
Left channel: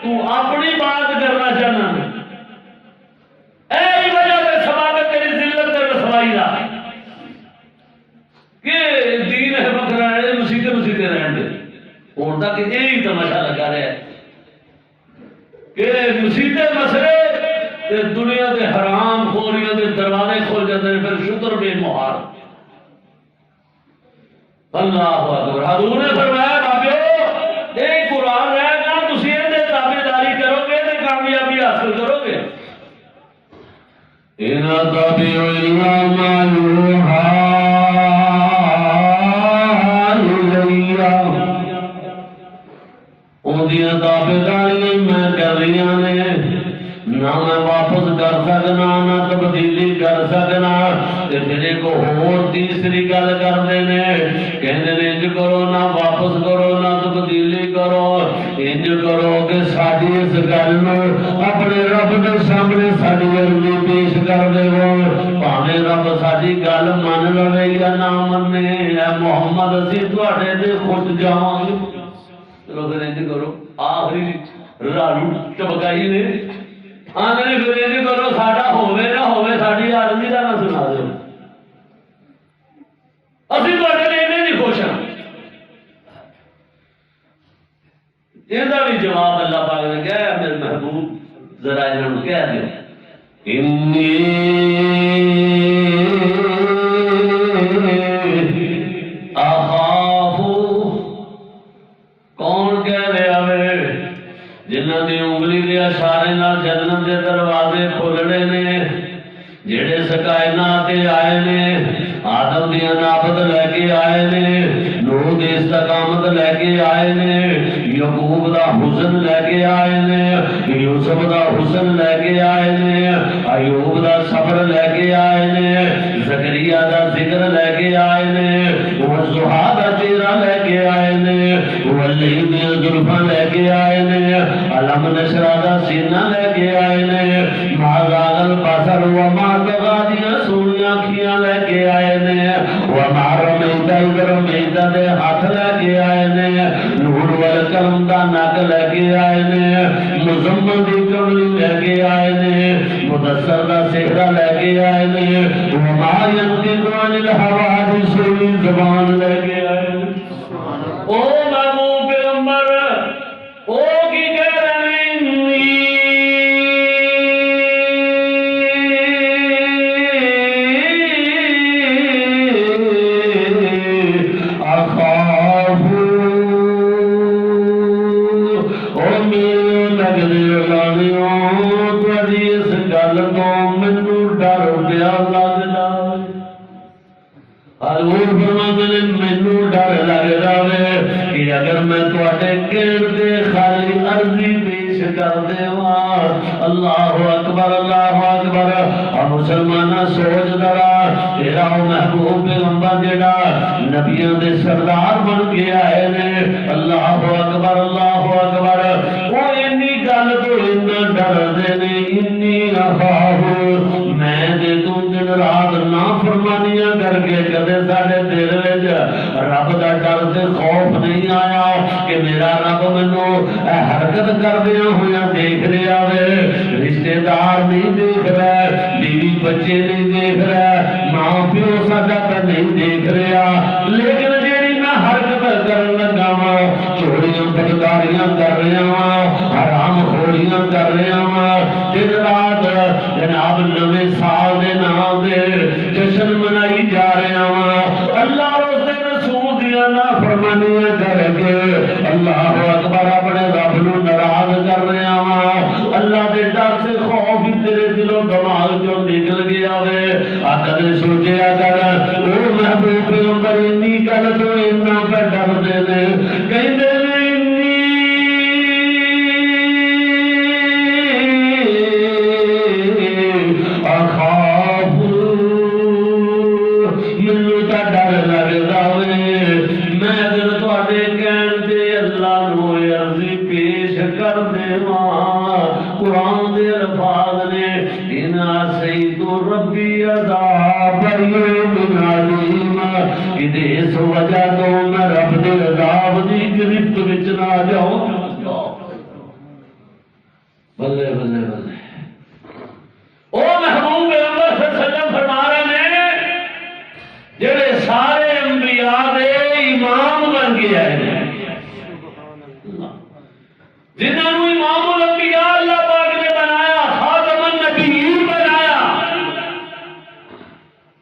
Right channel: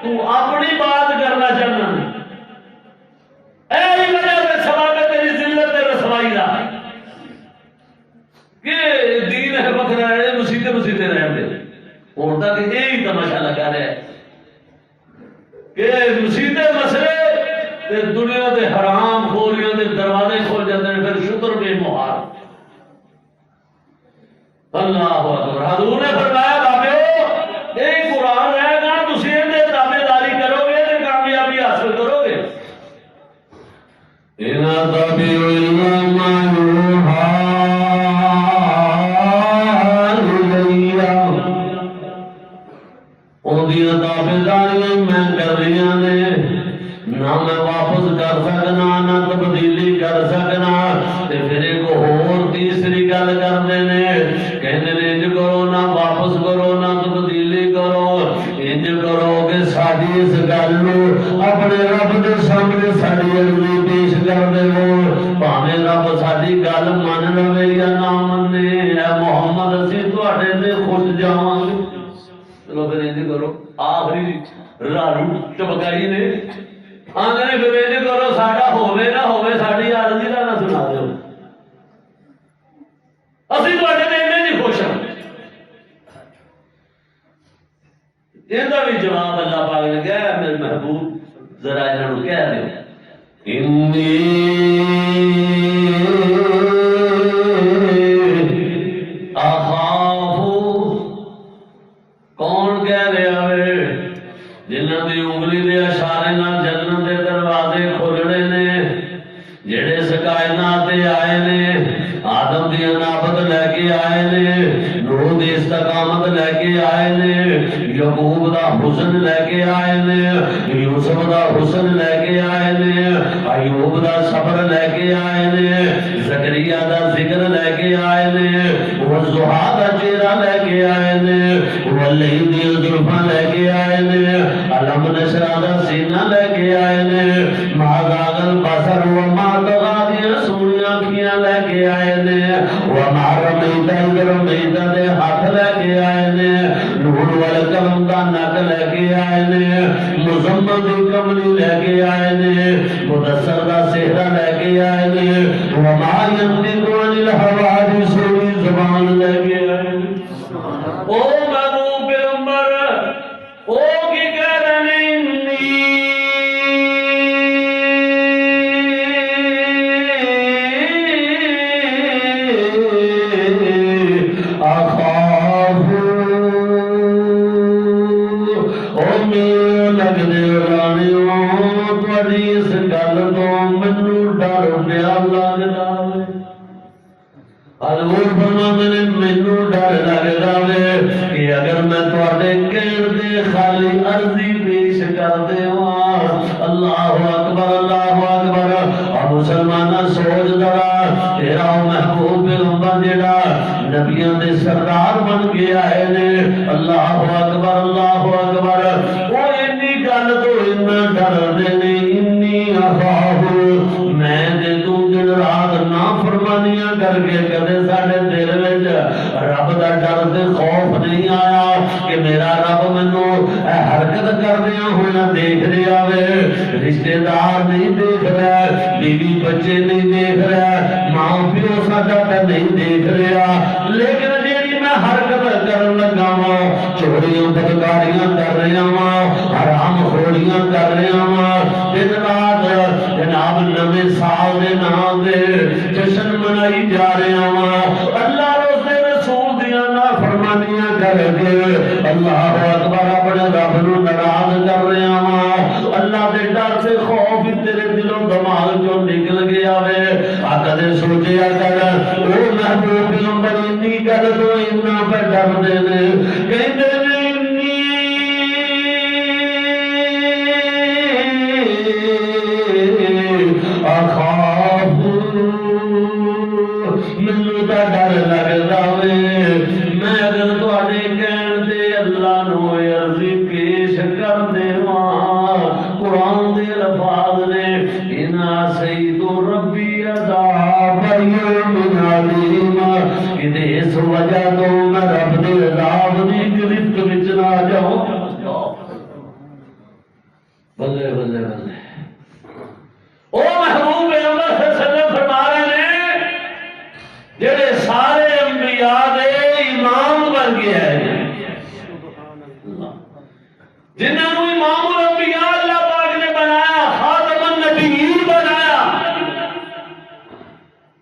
تو اپنی بات کرنا چاہنا، اے وجہ سے سبب ہے تیری ذلت تے رسوائی دا کہ دین ہے بکرا ہے مسیتے مسیتے رہن دے۔ اور تک یہی تماشا لگا رہا ہے کہ مسیتے مسئلے تے دنیا دے حرام خوریاں دے دروازے کھول جاتے ہیں، پھر شکر بے مہار۔ اللہ اکبر۔ حضور نے فرمایا بابیو یہ قرآن رہے گا، تسی اندے تابع داری کرو گے تے کامیابی حاصل کرو گے۔ ان تابع الا ما یوحى اودیاں تابع داری میں کر رہی نے، نہ میں واپس کر سکنا نہ تبدیلی کر سکنا۔ تے پھر ایک اور تیسری گل کرتے ہیں، کہتے ہیں انج کرو نہ واپس کرو نہ تبدیلی کرو، انج کرو کہ ساری اس گل نو اپنے رب کے سامنے ساری عرضی پیش کر دیو، بھاویں رب ساری گل من لوے یا نہ منے، اے محمد اسی تواڈے تے خوش جاواں گے۔ چلو پھر انج کرو، آخری رالو چبکائی نے آندے نے پھر انج کرو ساڈا ہوے نہ ہوے ساڈی عرضی دا نہ سنا دیو، اسی تواڈے تے انج ہی خوش ہاں۔ یہ بھی جواب اللہ پاک نے کہا ہے، میرے محبوب ذرا انہوں نے کہہ دیو انی اخاف، کون کہہ رہا ہے؟ جنہاں دی انگلی دے اشارے نال جنت دے دروازے کھولنے نے، جڑے اس کائنات تے آئے نے، آدم دی انابت لے کے آئے نے، نوح دی استقامت لے کے آئے نے، یعقوب دا حسن لے کے آئے نے، یوسف دا حسن لے کے آئے نے، ایوب دا صبر لے کے آئے نے، زکریا دا ذکر لے کے آئے نے، والضحیٰ دا چہرہ لے کے آئے نے، واللیل دی زلفاں لے کے آئے نے، علم نشرح دا سینہ لے کے آئے نے، ما زاغ البصر وما طغى دی سونیاں اکھیاں لے کے آئے نے، وما رمیت اذ رمیت دے ہاتھ لے کے آئے نے، نور والقلم دا نک لے کے آئے نے، مزمل دی کملی لے کے آئے نے، مدثر دا صحرا لے کے آئے نے، وما ينطق عن الهوى دی سوئی زبان لے کے آئے نے۔ او محبوب پیغمبر او کی کہہ رہے سردار بن کے آئے نے، اللہ اکبر اللہ اکبر۔ وہ انی گل تو اتنا ڈر دے نے، انی اخاف، میں دے تو دن رات نافرمانیاں کر کے کدے ساڈے دل وچ رب دا ڈر تے خوف نہیں آیا کہ میرا رب مینوں حرکت کردیاں ہوئے دیکھ رہا ہے، رشتے دار نہیں دیکھ رہا، بیوی بچے نہیں دیکھ رہا، ماں پیو ساڈا تے نہیں دیکھ رہا، لیکن جیڑی میں حرکت کرن لگا واں، چوریاں بدکاریاں کر رہا واں، حرام خوریاں کر رہا واں، دن رات جناب نویں سال دے نام دے جشن منائی جا رہا واں، اللہ اس دے رسول دیاں نافرمانیاں کر کے اللہ اکبر اپنے رب نوں ناراض کر رہا واں، اللہ دے ڈر سے خوف تیرے دلوں دماغ چوں نکل گیا وے۔ کدے سوچیا کر او محبوب پیغمبر انی گل تو اتنا پہ ڈر دے دے، کہندے نے انی اخاف، مینوں تا ڈر لگدا وے، میں اگر تواڈے کہن تے اللہ نو عرضی پیش بن کے آئے ہیں، جنہوں نے امام الانبیاء اللہ پاک نے بنایا، خاتم النبیین بنایا۔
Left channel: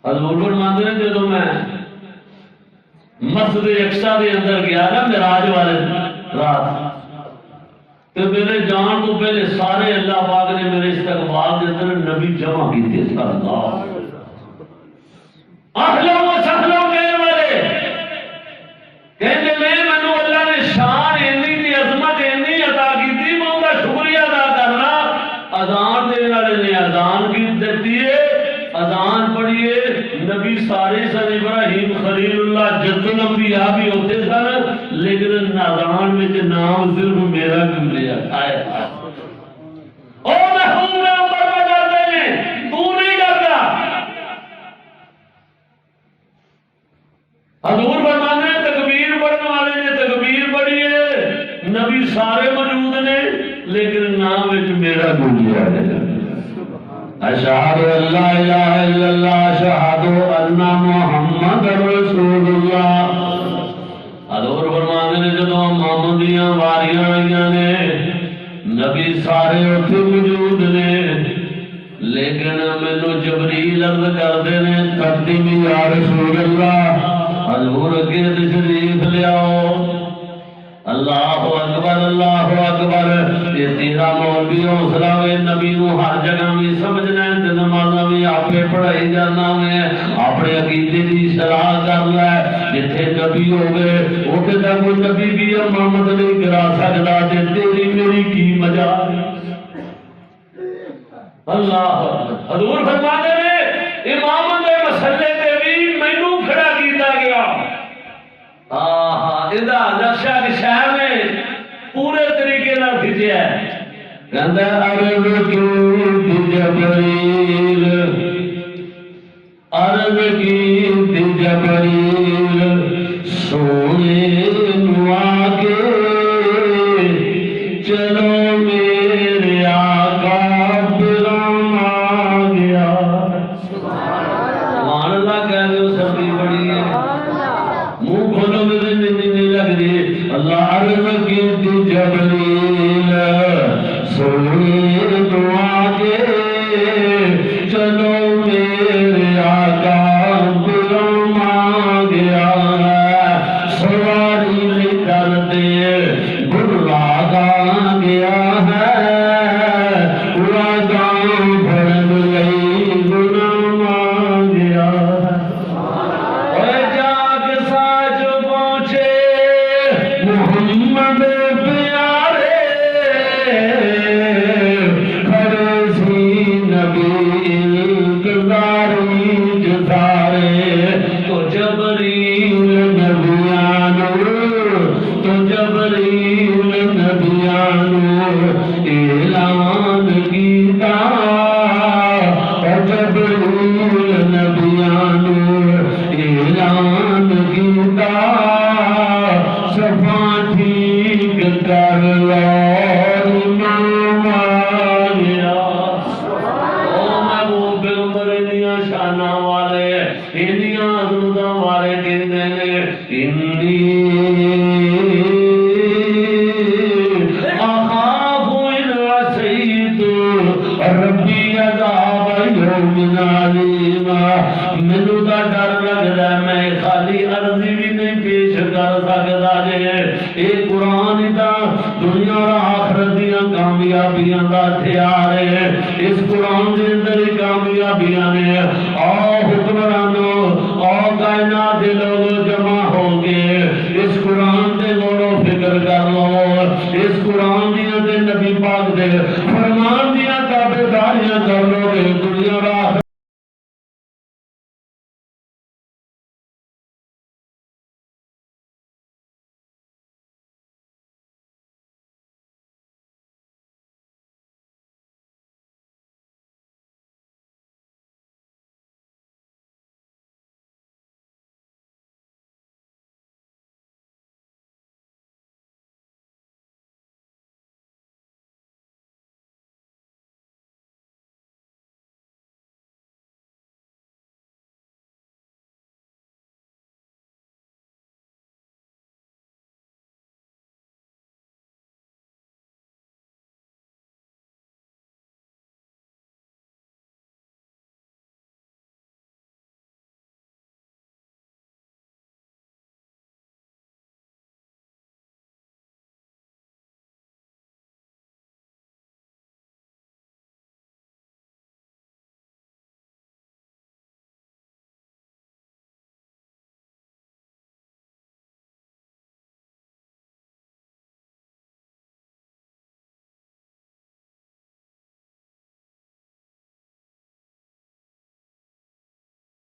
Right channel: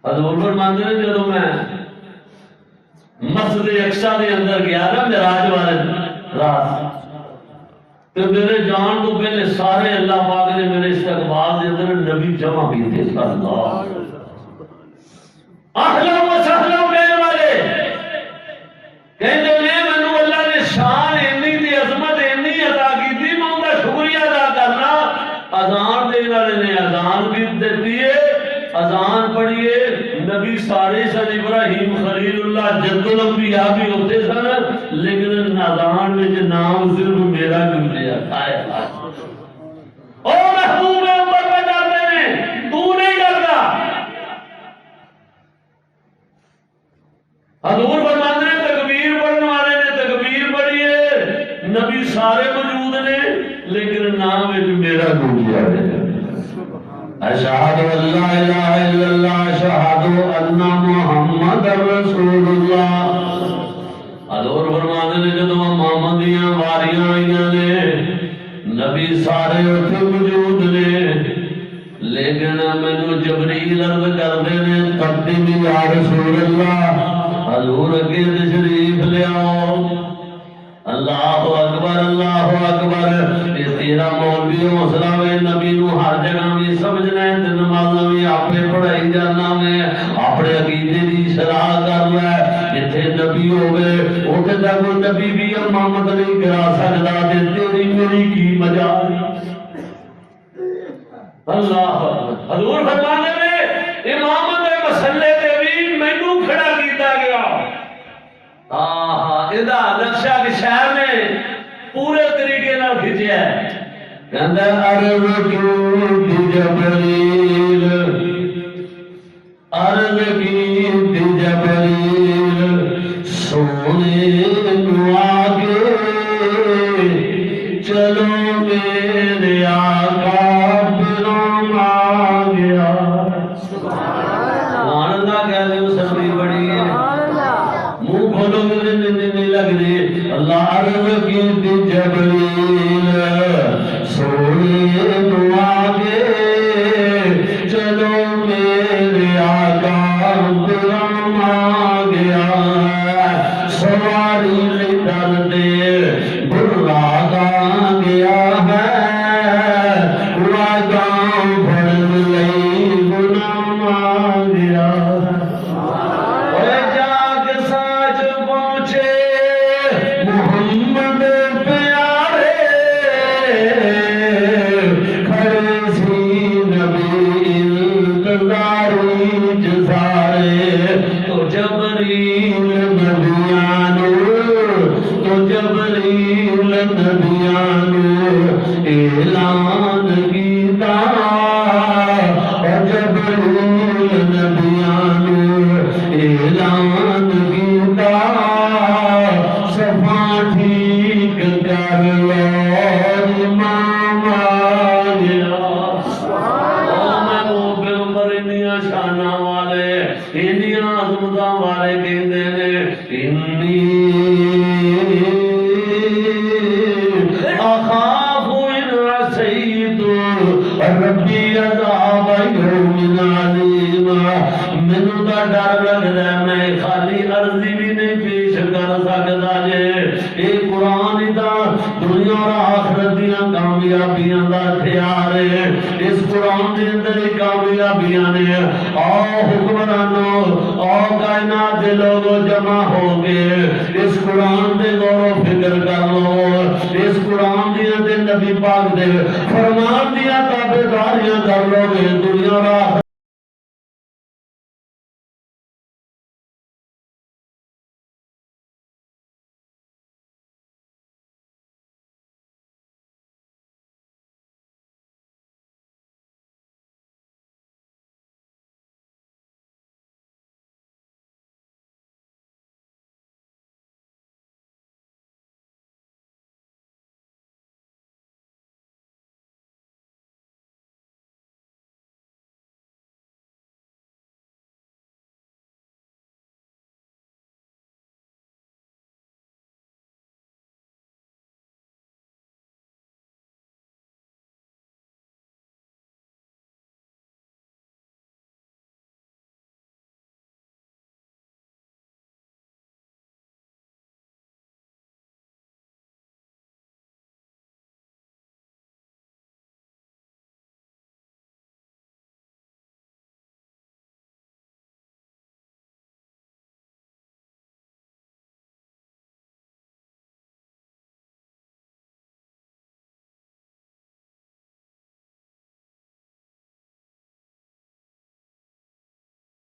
حضور فرماتے ہیں جدوں میں مسجد اقصی دے اندر گیا نا معراج والے رات، تو میرے جان تو پہلے سارے اللہ پاک نے میرے استقبال دے اندر نبی جمع کیتے صلی اللہ اہلا و سہلا میرے والے کہندے نے مینوں اللہ نے شان اینی تے عظمت اینی عطا کیتی، میں ان دا شکریہ ادا کرنا۔ اذان دین والے نے اذان بھی دتی ہے، اذان پڑھیے، نبی سارے سن، ابراہیم خلیل اللہ جد الانبیاء بھی ہوتے سن، لیکن اذان وچ نام صرف میرا کیوں لیا؟ ہائے ہائے، او محبوب امر پہ ڈرتے نے، تو نہیں ڈرتا۔ حضور فرماتے ہیں تکبیر پڑھنے والے نے تکبیر پڑھی ہے، نبی سارے موجود نے، لیکن نام وچ میرا کیوں لیا ہے؟ اشہد ان لا الہ الا اللہ اشہد ان محمد رسول اللہ۔ حضور فرماتے ہیں جدوں محمدیاں واریاں آئیاں نے، نبی سارے اتنے موجود نے، لیکن مینوں جبریل عرض کرتے نے تقدیم یا رسول اللہ، حضور اگے تشریف لیاؤ۔ اللہ اکبر اللہ اکبر، یہ تیرا مولوی حوصلہ وے، نبی نو ہر جگہ بھی سمجھنا ہے، تے نمازاں بھی آپے پڑھائی جانا میں، اپنے عقیدے دی شرح کر لے، جتھے نبی ہوگے اوتھے تے کوئی نبی بھی امامت نہیں کرا سکدا، تے تیری میری کی مجال۔ اللہ اکبر، حضور فرماتے نے امام دے مسئلے تے بھی مینوں کھڑا کیتا گیا۔ ادا نقشہ شہر میں پورے طریقے نال کھچیا ہے، کہندا عرض کی جبریل، عرض کی جبریل سونے نو آگے چلو میرے آقا پرام آ گیا۔ سبحان اللہ کہہ دو، سبھی بڑی ہے، منہ کھولو گے نہیں لگ رہی۔ اللہ عرض کی جبریل سونے تو آگے چلو میرے آقا پرام آ گیا، سواری نہیں ڈرتے برلا گا گیا ہے، وعدہ بھر لئی غلام آ گیا ہے۔ محمد پیارے کھڑے سی نبی انتظاری جسارے، تو جبریل نبیانو، تو جبریل نبیانو اعلان کیتا، اور جبریل نبیانو اعلان کیتا، صفا ٹھیک کر لو امام آ گیا۔ او محبوب پیغمبر انیاں شاناں والے، انیاں عظمتاں والے کہندے نے انی اخاف ان عصیت ربی عذاب یوم علیم۔ مینوں دا ڈر لگدا ہے میں خالی عرضی بھی نہیں پیش کر سکدا جے، اے قرآن دا دنیا اور آخرت دیاں کامیابیاں دا ہتھیار ہے، اس قرآن دے اندر ہی کامیابیاں نے۔ آؤ حکمرانو، آؤ کائنات دے لوگو جمع ہو گئے، اس قرآن دے غور و فکر کر لو، اس قرآن دیاں دے نبی پاک دے